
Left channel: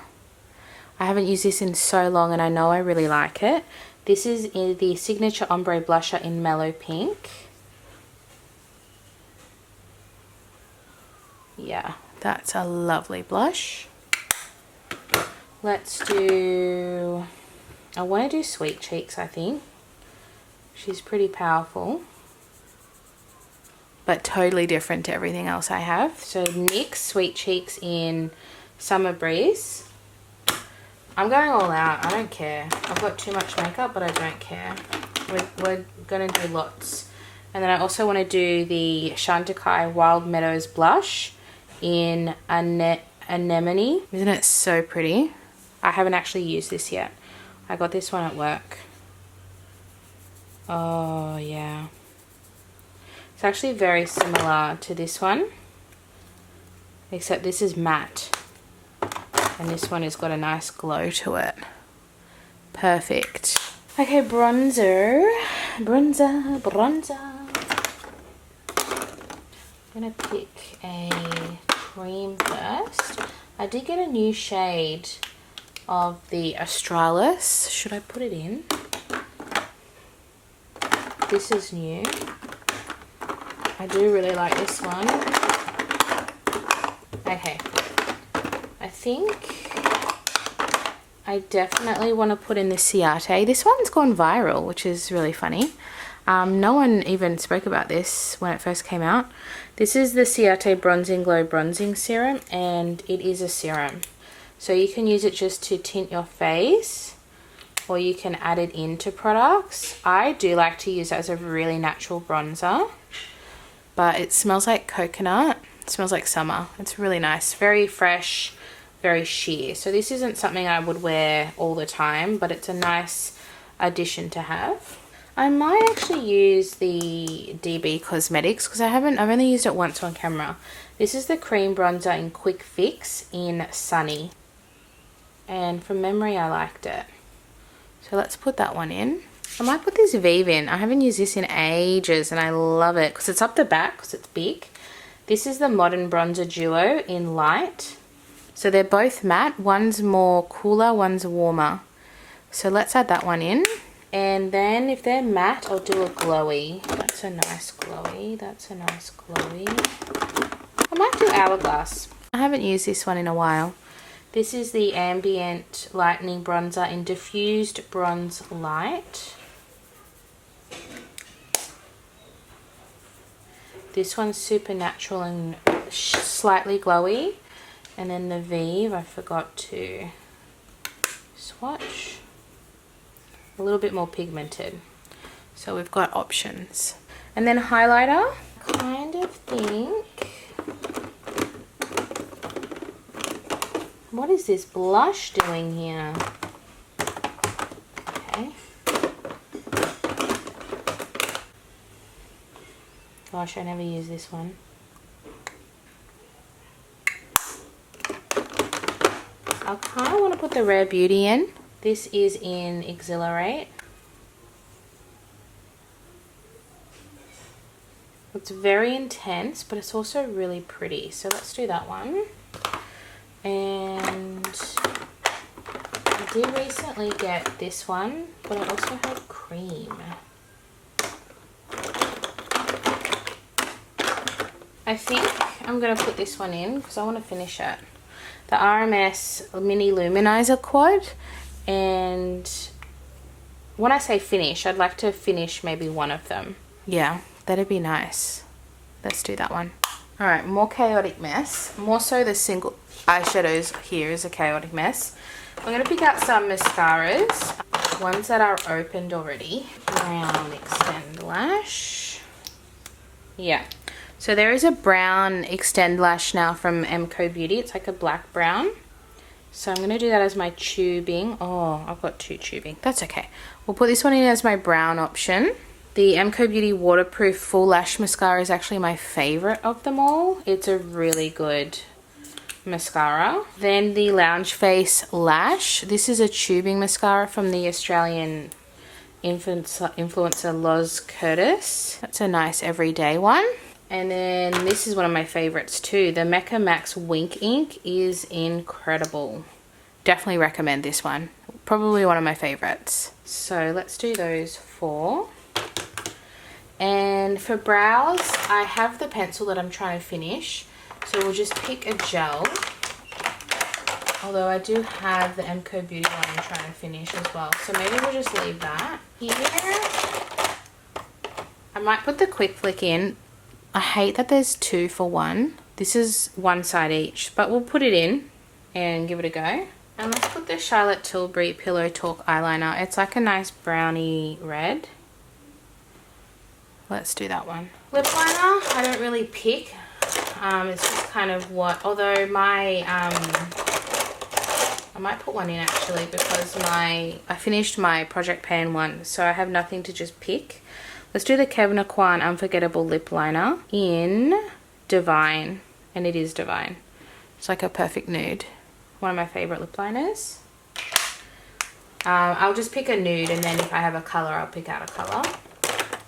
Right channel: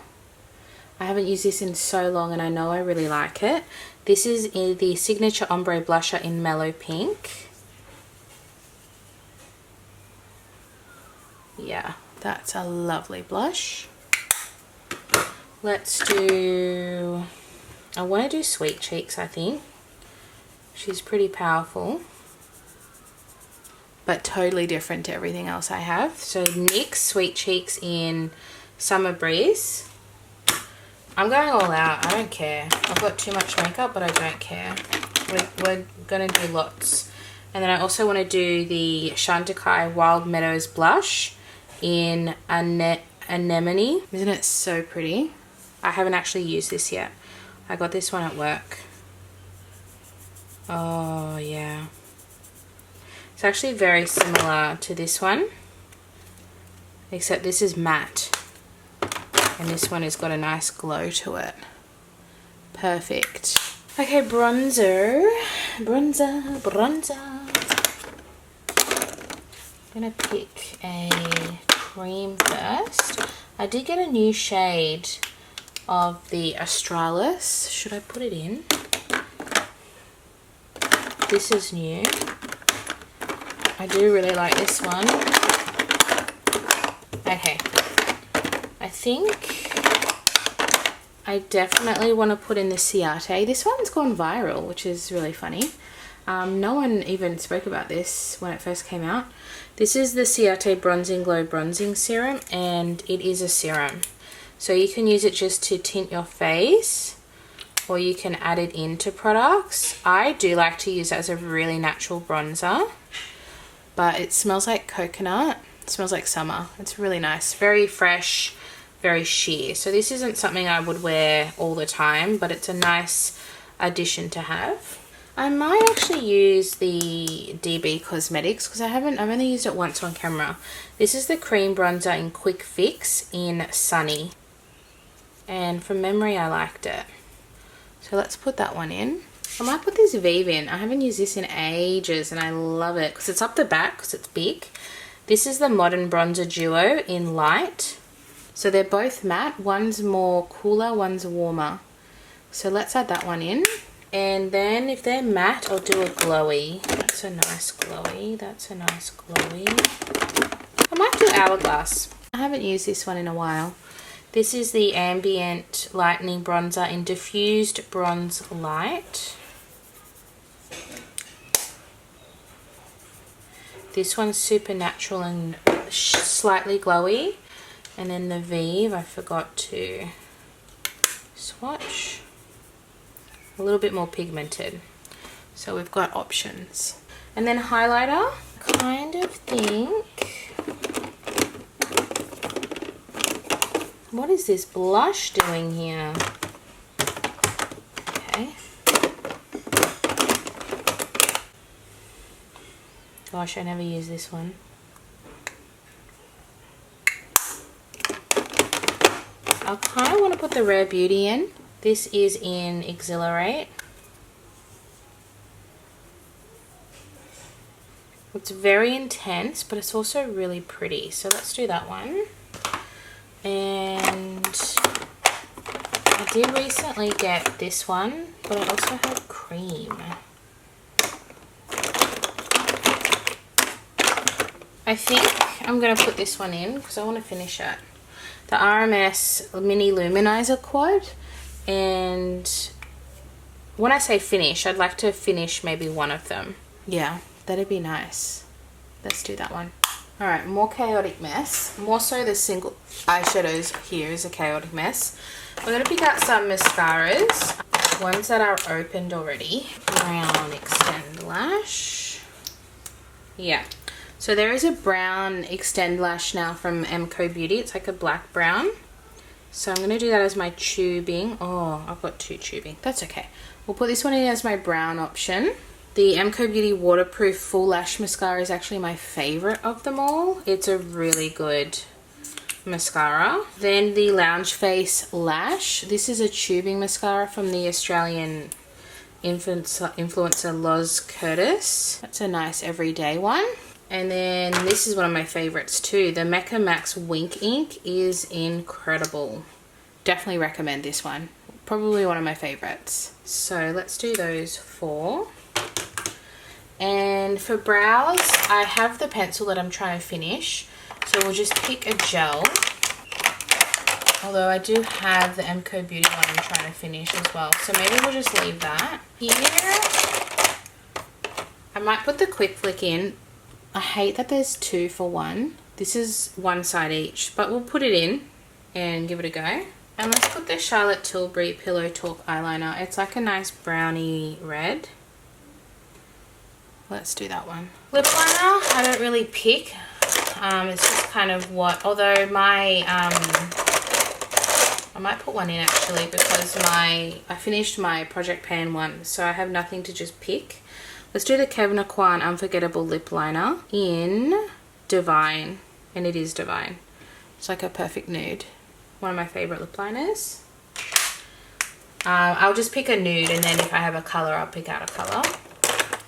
I haven't used this in so long and I know I really like it. This is the Signature Ombre Blusher in Mellow Pink. Yeah, that's a lovely blush. Let's do... I want to do Sweet Cheeks, I think. She's pretty powerful, but totally different to everything else I have. So NYX Sweet Cheeks in Summer Breeze. I'm going all out. I don't care. I've got too much makeup, but I don't care. We're going to do lots. And then I also want to do the Chantecaille Wild Meadows Blush in Anemone. Isn't it so pretty? I haven't actually used this yet. I got this one at work. Oh yeah, it's actually very similar to this one, except this is matte and this one has got a nice glow to it. Perfect. Okay, bronzer. I'm gonna pick a cream first. I did get a new shade of the Australis. Should I put it in? This is new. I do really like this one. Okay. I think I definitely want to put in the Ciate. This one's gone viral, which is really funny. No one even spoke about this when it first came out. This is the Ciate Bronzing Glow Bronzing Serum, and it is a serum. So you can use it just to tint your face, or you can add it into products. I do like to use it as a really natural bronzer, but it smells like coconut. It smells like summer. It's really nice. Very fresh, very sheer. So this isn't something I would wear all the time, but it's a nice addition to have. I might actually use the DB Cosmetics because I've only used it once on camera. This is the cream bronzer in Quick Fix in Sunny. And from memory, I liked it. So let's put that one in. I might put this Vive in. I haven't used this in ages and I love it because it's up the back because it's big. This is the Modern Bronzer Duo in Light. So they're both matte. One's more cooler, one's warmer. So let's add that one in. And then if they're matte, I'll do a glowy. That's a nice glowy. That's a nice glowy. I might do Hourglass. I haven't used this one in a while. This is the Ambient Lightening Bronzer in Diffused Bronze Light. This one's super natural and slightly glowy. And then the Vive, I forgot to swatch. A little bit more pigmented. So we've got options. And then highlighter, kind of think, what is this blush doing here? Okay. Gosh, I never use this one. I kind of want to put the Rare Beauty in. This is in Exhilarate. It's very intense, but it's also really pretty. So let's do that one. And I did recently get this one, but I also have cream. I think I'm going to put this one in because I want to finish it. The RMS Mini Luminizer Quad. And when I say finish, I'd like to finish maybe one of them. Yeah, that'd be nice. Let's do that one. Alright, more chaotic mess. More so the single eyeshadows here is a chaotic mess. We're going to pick out some mascaras. Ones that are opened already. Brown Extend Lash. Yeah. So there is a brown Extend Lash now from MCO Beauty. It's like a black brown. So I'm going to do that as my tubing. Oh, I've got two tubing. That's okay. We'll put this one in as my brown option. The MCO Beauty Waterproof Full Lash Mascara is actually my favourite of them all. It's a really good mascara. Then the Lounge Face Lash. This is a tubing mascara from the Australian influencer Loz Curtis. That's a nice everyday one. And then this is one of my favorites too. The Mecca Max Wink Ink is incredible. Definitely recommend this one. Probably one of my favorites. So let's do those 4. And for brows, I have the pencil that I'm trying to finish. So we'll just pick a gel. Although I do have the MCO Beauty one I'm trying to finish as well. So maybe we'll just leave that. Here, I might put the Quick Flick in. I hate that there's 2 for 1. This is one side each, but we'll put it in and give it a go. And let's put the Charlotte Tilbury Pillow Talk eyeliner. It's like a nice browny red. Let's do that one. Lip liner, I don't really pick. It's just kind of what, although my, I might put one in actually because I finished my Project Pan one, so I have nothing to just pick. Let's do the Kevin Aucoin Unforgettable Lip Liner in Divine. And it is Divine. It's like a perfect nude. One of my favourite lip liners. I'll just pick a nude and then if I have a colour, I'll pick out a colour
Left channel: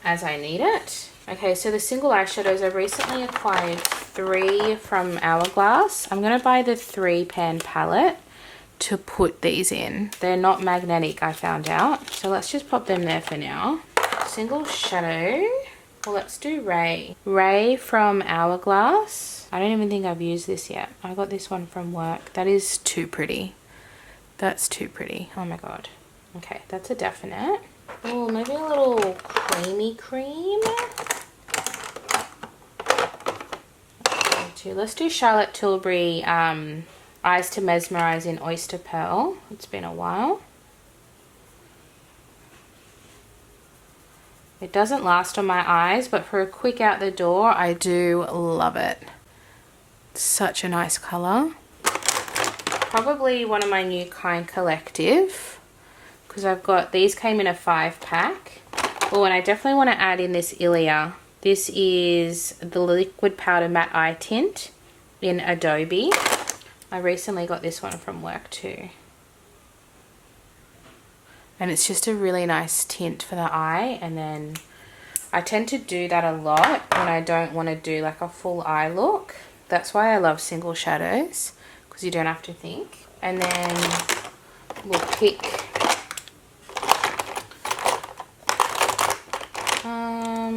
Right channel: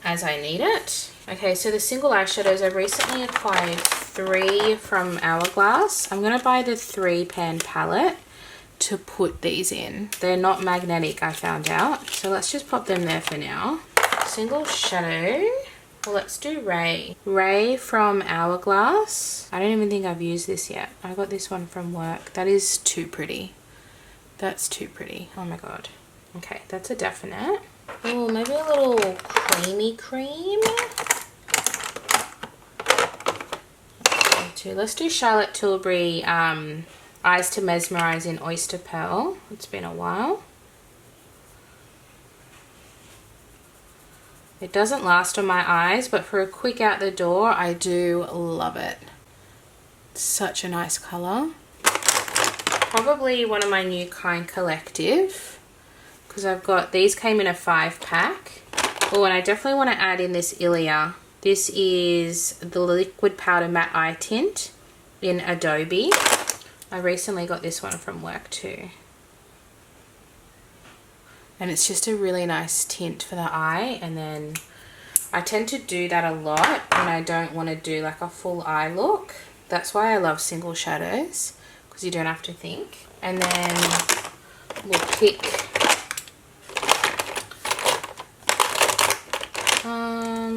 as I need it. Okay, so the single eyeshadows, I've recently acquired 3 from Hourglass. I'm going to buy the 3-pan palette to put these in. They're not magnetic, I found out. So let's just pop them there for now. Single shadow. Well, let's do Ray. Ray from Hourglass. I don't even think I've used this yet. I got this one from work. That is too pretty. That's too pretty. Oh my god. Okay, that's a definite. Oh, maybe a little creamy cream. Let's do Charlotte Tilbury Eyes to Mesmerize in Oyster Pearl. It's been a while. It doesn't last on my eyes, but for a quick out the door, I do love it. Such a nice colour. Probably one of my new Kind Collective, because I've got, these came in a 5-pack. Oh, and I definitely want to add in this Ilia. This is the Liquid Powder Matte Eye Tint in Adobe. I recently got this one from work too. And it's just a really nice tint for the eye. And then I tend to do that a lot when I don't want to do like a full eye look. That's why I love single shadows, because you don't have to think. And then we'll pick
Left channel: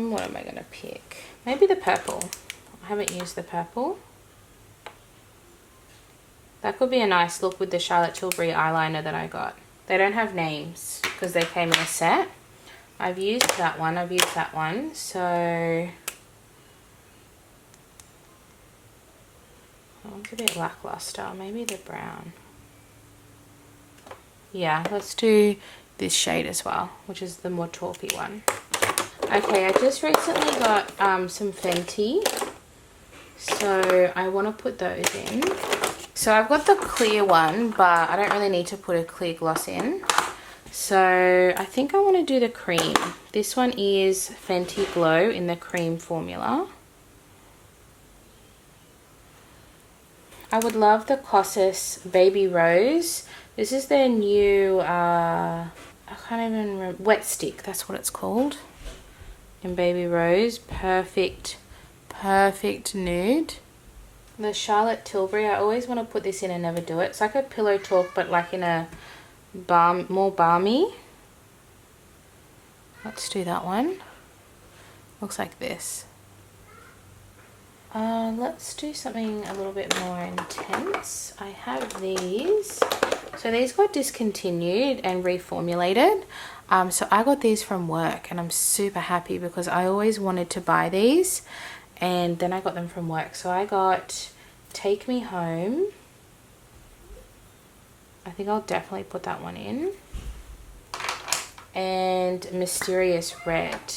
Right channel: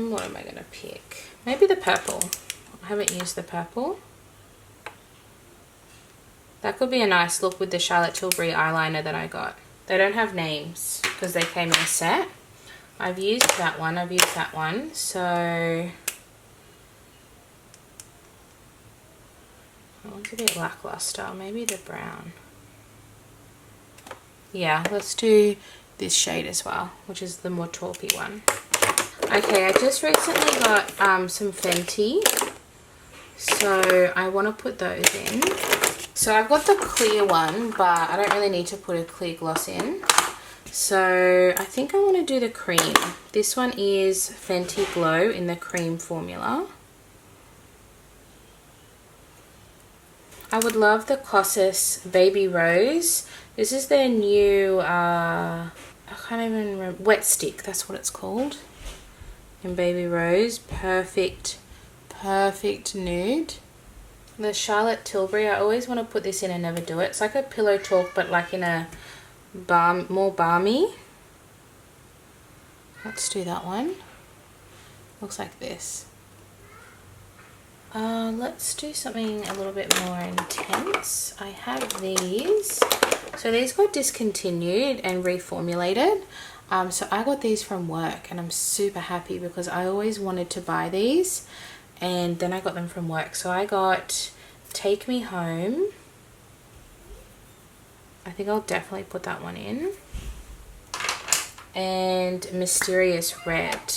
what am I going to pick? Maybe the purple. I haven't used the purple. That could be a nice look with the Charlotte Tilbury eyeliner that I got. They don't have names because they came in a set. I've used that one. I've used that one. So oh, it's a bit lackluster. Maybe the brown. Yeah, let's do this shade as well, which is the more taupey one. Okay, I just recently got some Fenty. So I want to put those in. So I've got the clear one, but I don't really need to put a clear gloss in. So I think I want to do the cream. This one is Fenty Glow in the cream formula. I would love the Kosas Baby Rose. This is their new, I can't even remember, Wet Stick, that's what it's called. In Baby Rose, perfect nude. The Charlotte Tilbury, I always want to put this in and never do it. It's like a Pillow Talk, but like in a more balmy. Let's do that one. Looks like this. Let's do something a little bit more intense. I have these. So these got discontinued and reformulated. So I got these from work and I'm super happy because I always wanted to buy these and then I got them from work. So I got Take Me Home. I think I'll definitely put that one in. And Mysterious Red.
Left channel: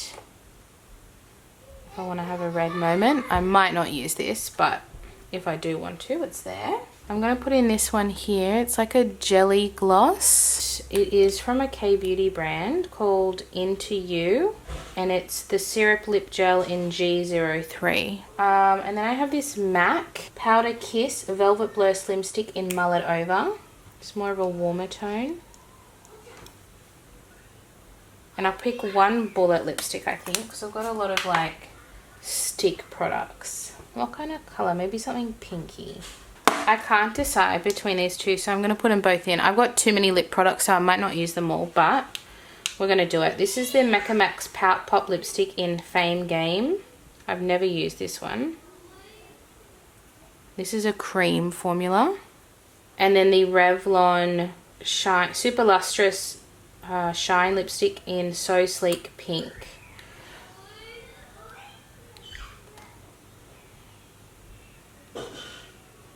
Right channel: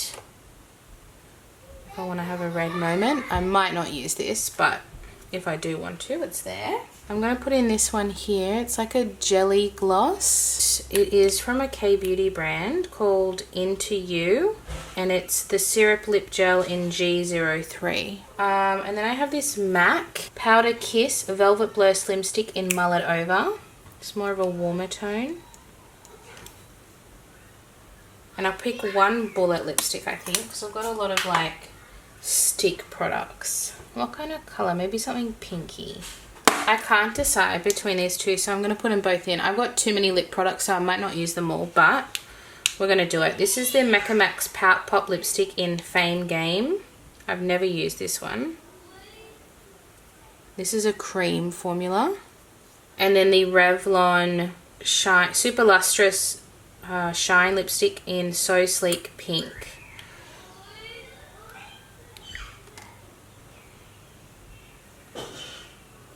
If I want to have a red moment. I might not use this, but if I do want to, it's there. I'm going to put in this one here. It's like a jelly gloss. It is from a K-Beauty brand called Into You. And it's the Syrup Lip Gel in G03. And then I have this MAC Powder Kiss Velvet Blur Slim Stick in Mullet Over. It's more of a warmer tone. And I'll pick one bullet lipstick, I think, because I've got a lot of like stick products. What kind of colour? Maybe something pinky. I can't decide between these two, so I'm going to put them both in. I've got too many lip products, so I might not use them all, but we're going to do it. This is the Mecca Max Pout Pop Lipstick in Fame Game. I've never used this one. This is a cream formula. And then the Revlon Shine Super Lustrous Shine Lipstick in So Sleek Pink.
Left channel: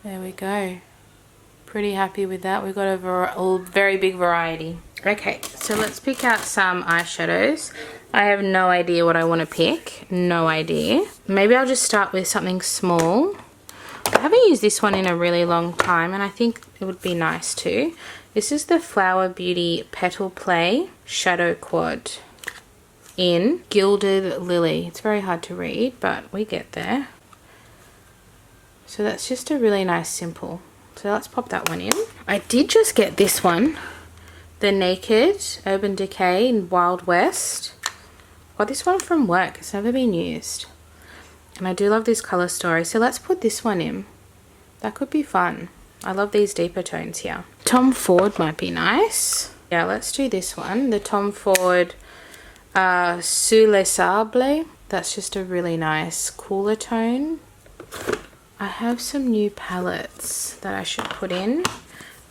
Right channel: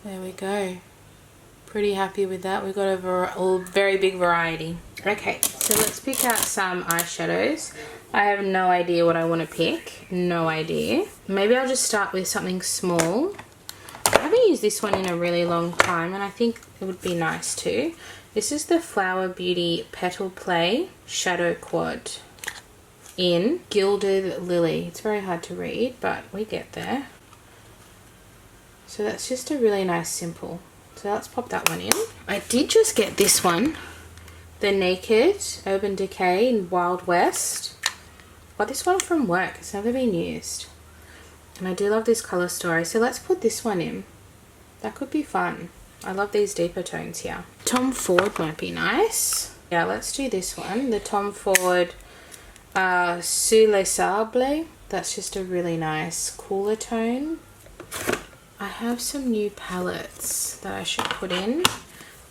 There we go. Pretty happy with that. We've got a very big variety. Okay, so let's pick out some eyeshadows. I have no idea what I want to pick. No idea. Maybe I'll just start with something small. I haven't used this one in a really long time and I think it would be nice too. This is the Flower Beauty Petal Play Shadow Quad in Gilded Lily. It's very hard to read, but we get there. So that's just a really nice simple. So let's pop that one in. I did just get this one. The Naked Urban Decay in Wild West. Got this one from work. It's never been used. And I do love this colour story. So let's put this one in. That could be fun. I love these deeper tones here. Tom Ford might be nice. Yeah, let's do this one. The Tom Ford Sous les Sables. That's just a really nice cooler tone. I have some new palettes that I should put in.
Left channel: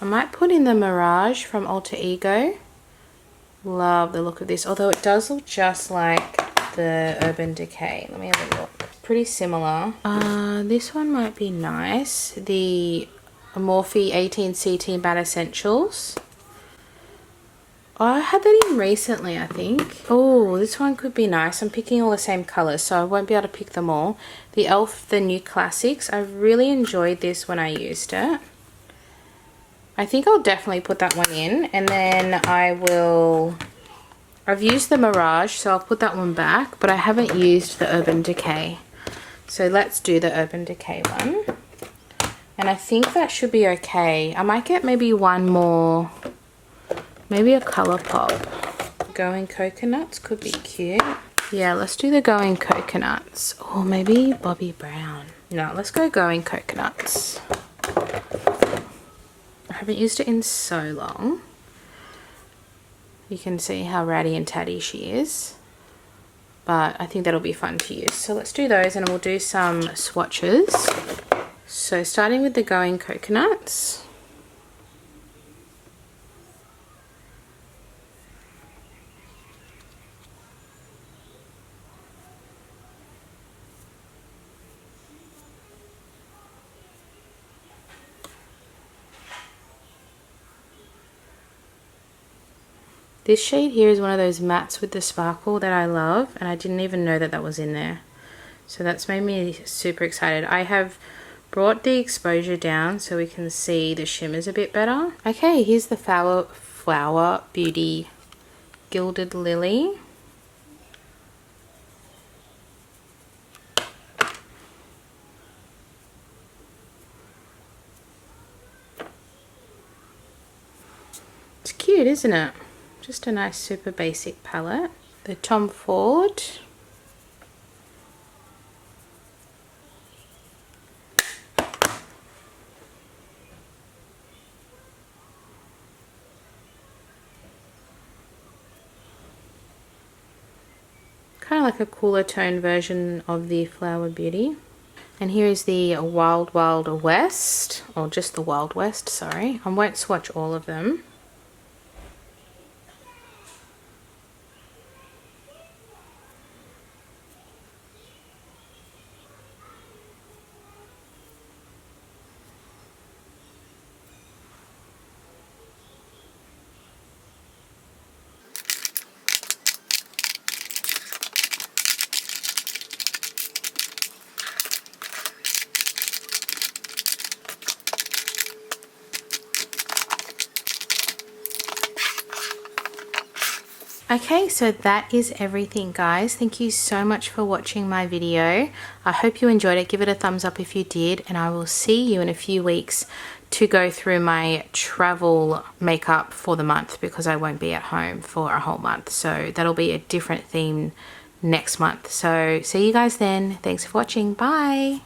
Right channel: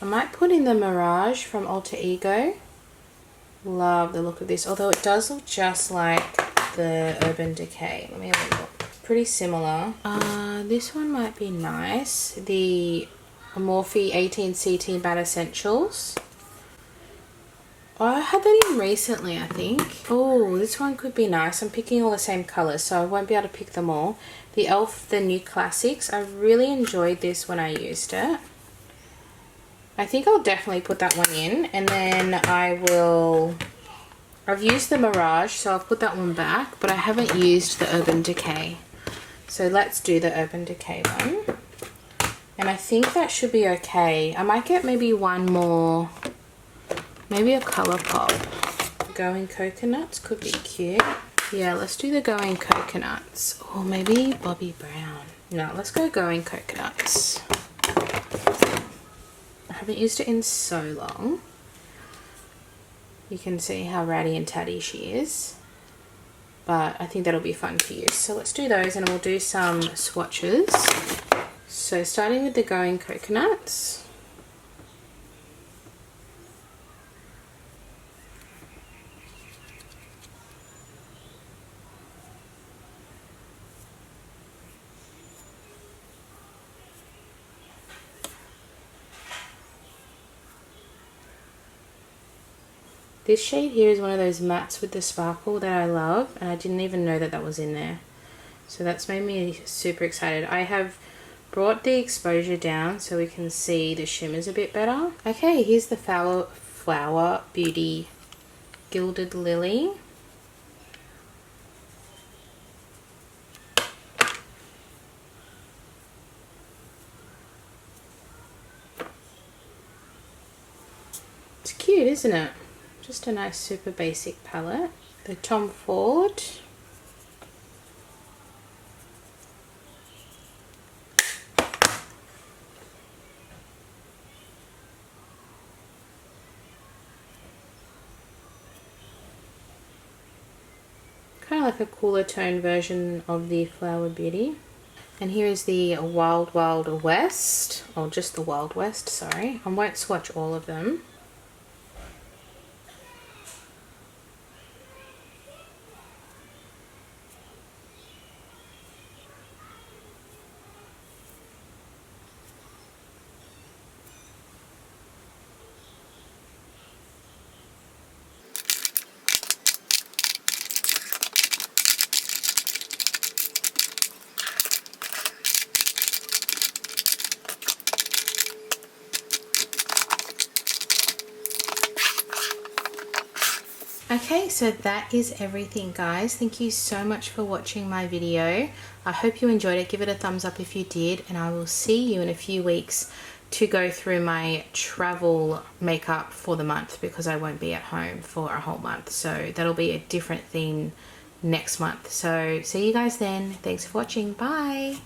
I might put in the Mirage from Alter Ego. Love the look of this, although it does look just like the Urban Decay. Let me have a look. Pretty similar. This one might be nice. The Morphe 18C Matte Essentials. Oh, I had that in recently, I think. Oh, this one could be nice. I'm picking all the same colours, so I won't be able to pick them all. The e.l.f. The New Classics. I really enjoyed this when I used it. I think I'll definitely put that one in. And then I've used the Mirage, so I'll put that one back. But I haven't used the Urban Decay. So let's do the Urban Decay one. And I think that should be okay. I might get maybe one more... Maybe a ColourPop. Going Coconuts could be cute. Yeah, let's do the Going Coconuts. Or maybe Bobbi Brown. No, let's go Going Coconuts. I haven't used it in so long. You can see how ratty and tatty she is. But I think that'll be fun to use. So let's do those and we'll do some swatches. So starting with the Going Coconuts. This shade here is one of those mattes with the sparkle that I love, and I didn't even know that that was in there. So that's made me super excited. I have brought the exposure down so we can see the shimmers a bit better. Okay, here's the Flower Beauty Gilded Lily. It's cute, isn't it? Just a nice super basic palette. The Tom Ford. Kind of like a cooler tone version of the Flower Beauty. And here is the Wild Wild West, or just the Wild West, sorry. I won't swatch all of them. Okay, so that is everything, guys. Thank you so much for watching my video. I hope you enjoyed it. Give it a thumbs up if you did, and I will see you in a few weeks to go through my travel makeup for the month, because I won't be at home for a whole month. So that'll be a different theme next month. So see you guys then. Thanks for watching. Bye.